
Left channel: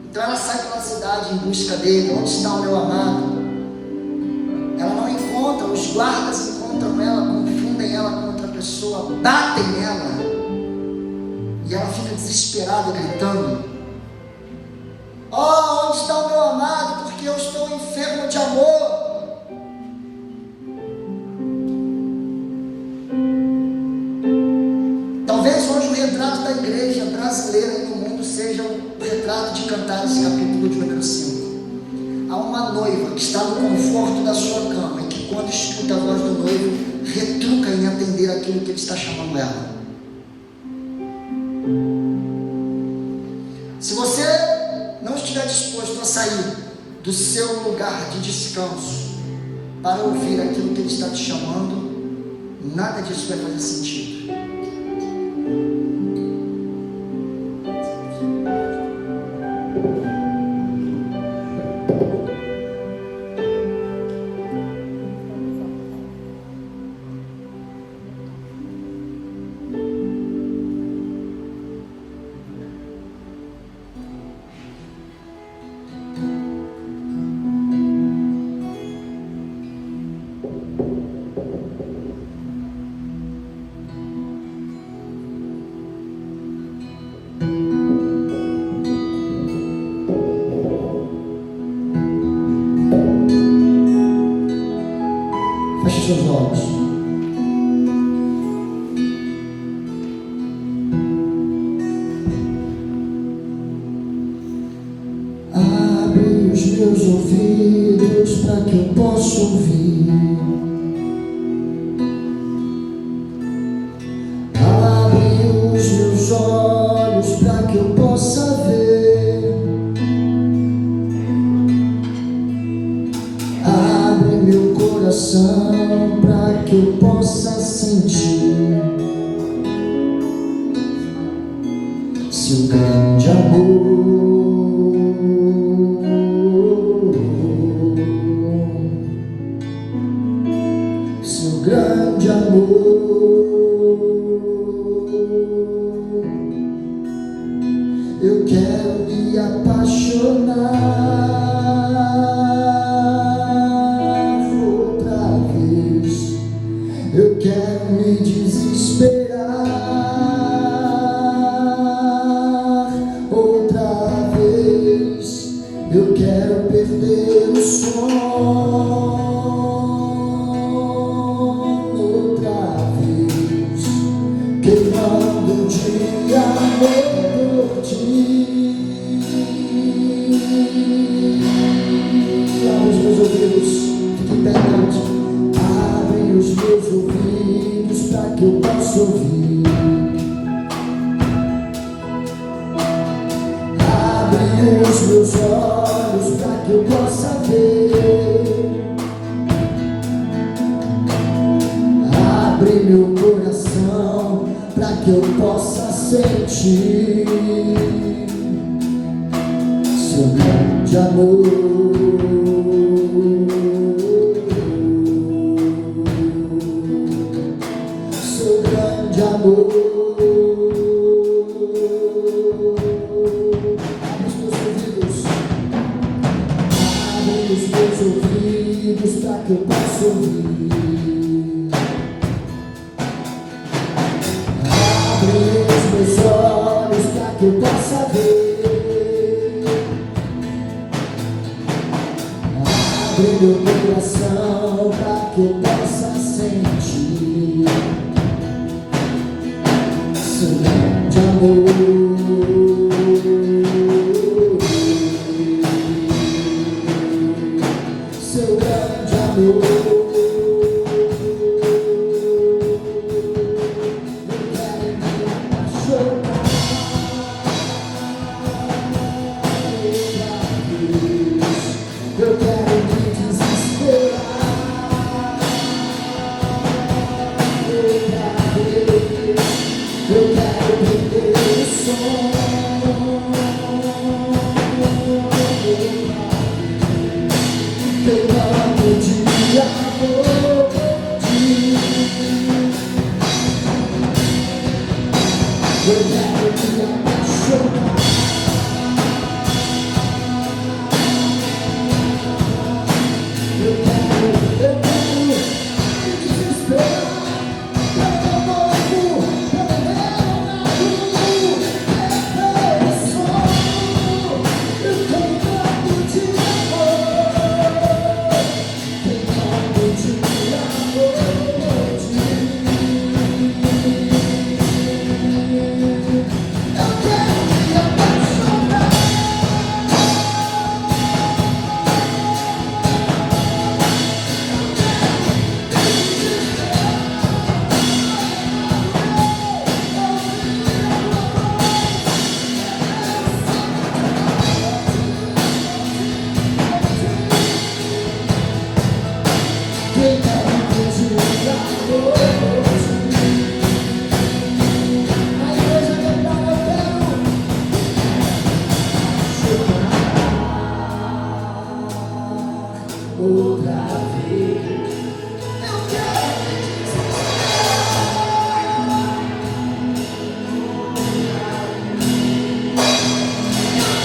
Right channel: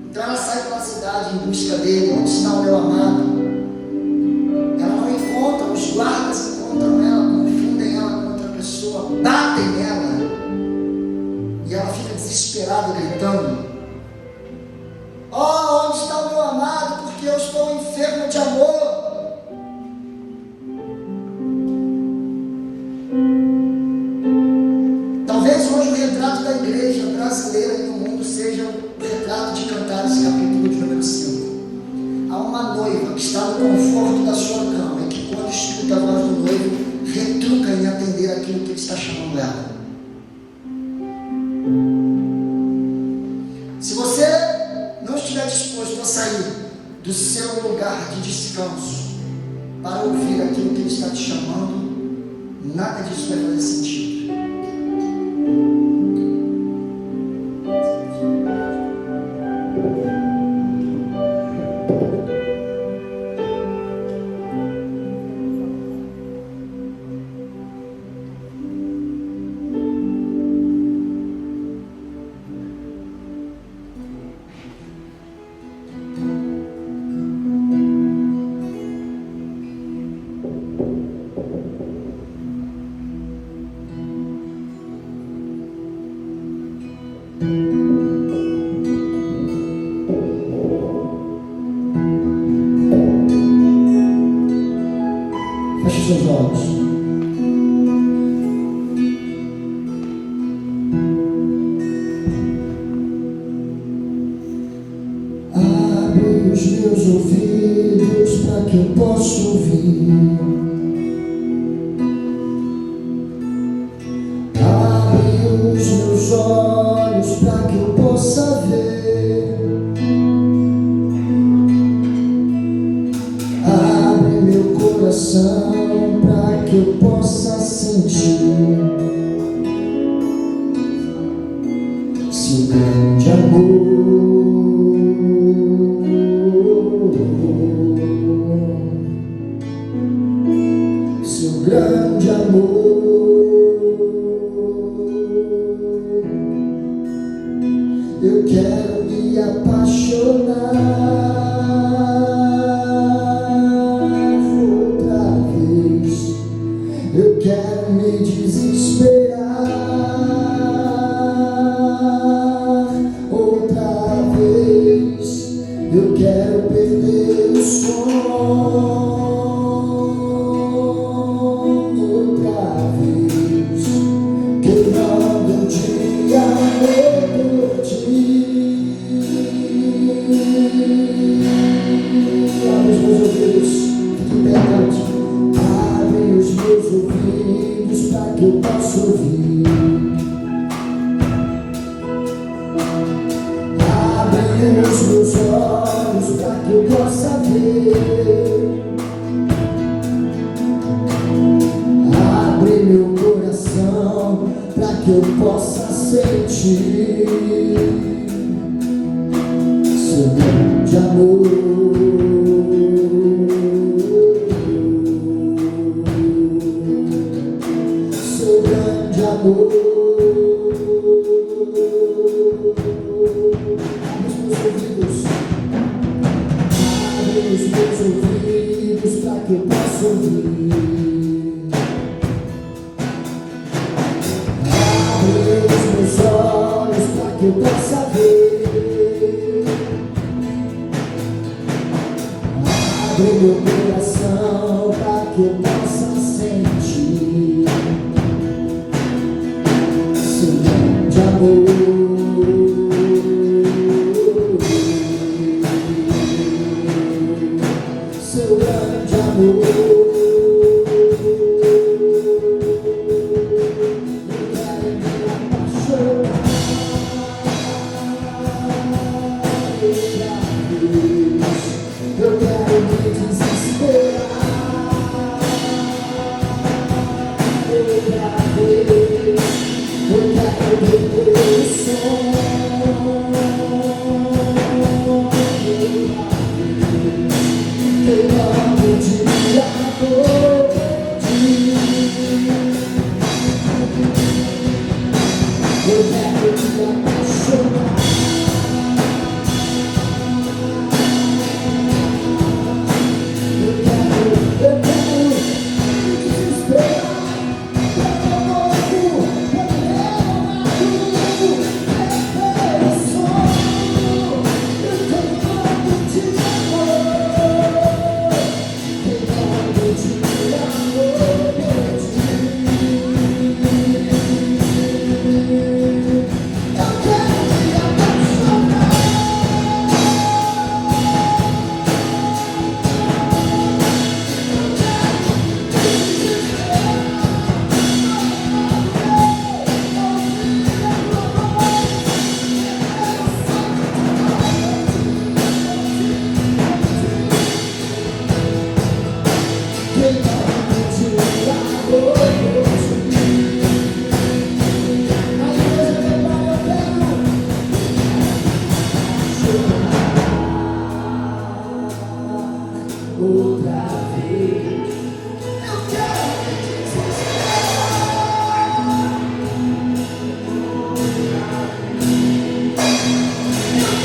Então ela sai pela cidade em busca dele. Onde está o meu amado? Ela não encontra, os guardas encontram ela, confundem ela com outra pessoa, batem nela. E ela fica desesperada, gritando: oh, onde está o meu amado? Porque eu estou enfermo de amor. Talvez hoje o retrato da igreja brasileira e do mundo seja o retrato de Cantares, capítulo de número 5. Há uma noiva que está no conforto da sua cama e que, quando escuta a voz do noivo, retruca em atender aquilo que ele está chamando ela. Se você não estiver disposto a sair do seu lugar de descanso para ouvir aquilo que ele está te chamando, nada disso vai fazer sentido. Feche seus olhos. Abre os meus ouvidos para que eu possa ouvir. Abre os meus olhos para que eu possa ver. coração para que eu possa sentir seu grande amor, seu grande amor. Eu quero me apaixonar outra vez. Eu quero me desesperar outra vez. Eu quero perder o sono outra vez, queimando de amor por ti. Abre os meus ouvidos, fique perto. Abre os meus ouvidos para que eu possa ouvir. Abre os meus olhos para que eu possa ver. Abre meu coração para que eu possa sentir seu grande amor, seu grande amor. Abre os meus ouvidos para que eu possa ouvir. Abre os meus olhos para que eu possa ver. Abre meu coração para que eu possa sentir seu grande amor, seu grande amor. Eu quero me desesperar outra vez. Eu quero perder o sono queimando de amor por ti. Eu quero me apaixonar. Outra vez eu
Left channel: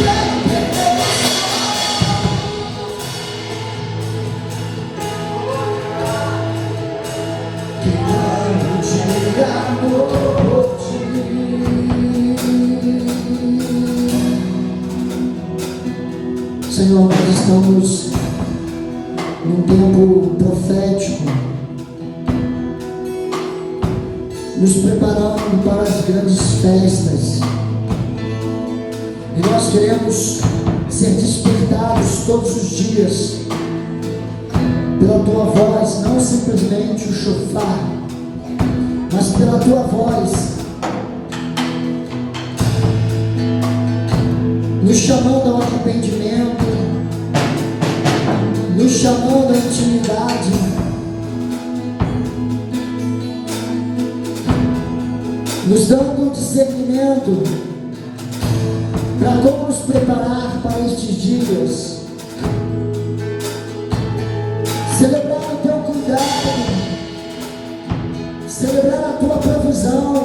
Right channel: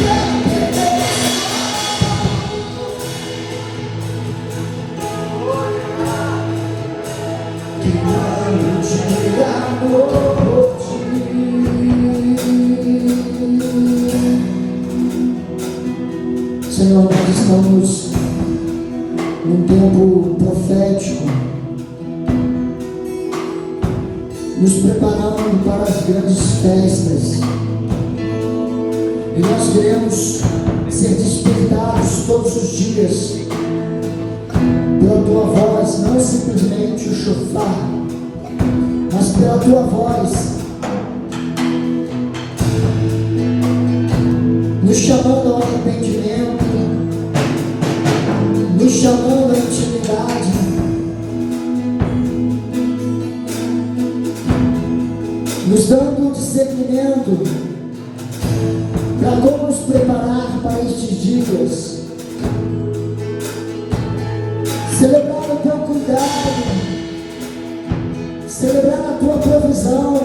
quero me queimando de amor por ti. Senhor, nós estamos num tempo profético, nos preparando para as grandes festas, e nós queremos ser despertados todos os dias pela tua voz, não simplesmente o chofar, mas pela tua voz, nos chamando ao arrependimento, nos chamando à intimidade, nos dando um discernimento para como nos preparar para estes dias, celebrar o teu cuidado, celebrar a tua provisão,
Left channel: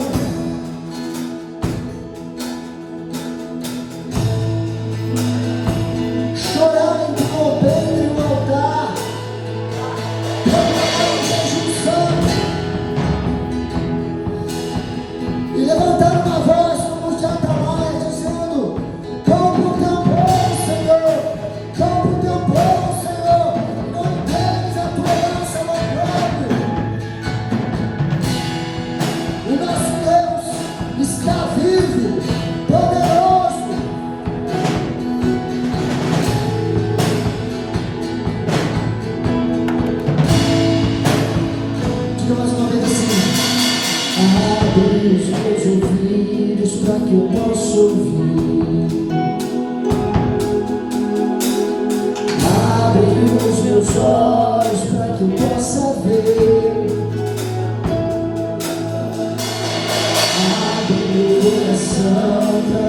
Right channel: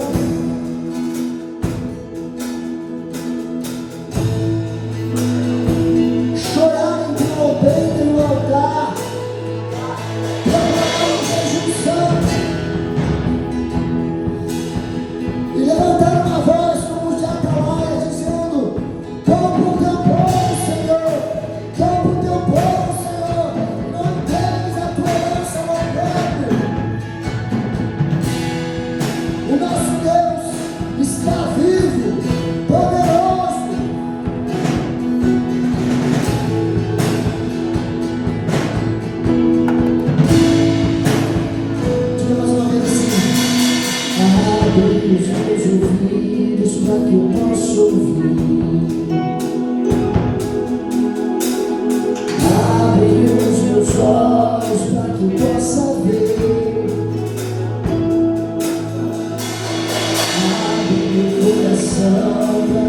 chorar entre o altar e o altar, proclamar o jejum santo e levantar uma voz como de Atalaia, dizendo: compra o teu povo, Senhor, compra o teu povo, Senhor, não entregues a tua herança ao próprio. O nosso Deus está vivo, poderoso. Diga mais uma vez assim: abre os meus ouvidos para que eu possa ouvir. Abre os meus olhos para que eu possa ver. Abre meu coração para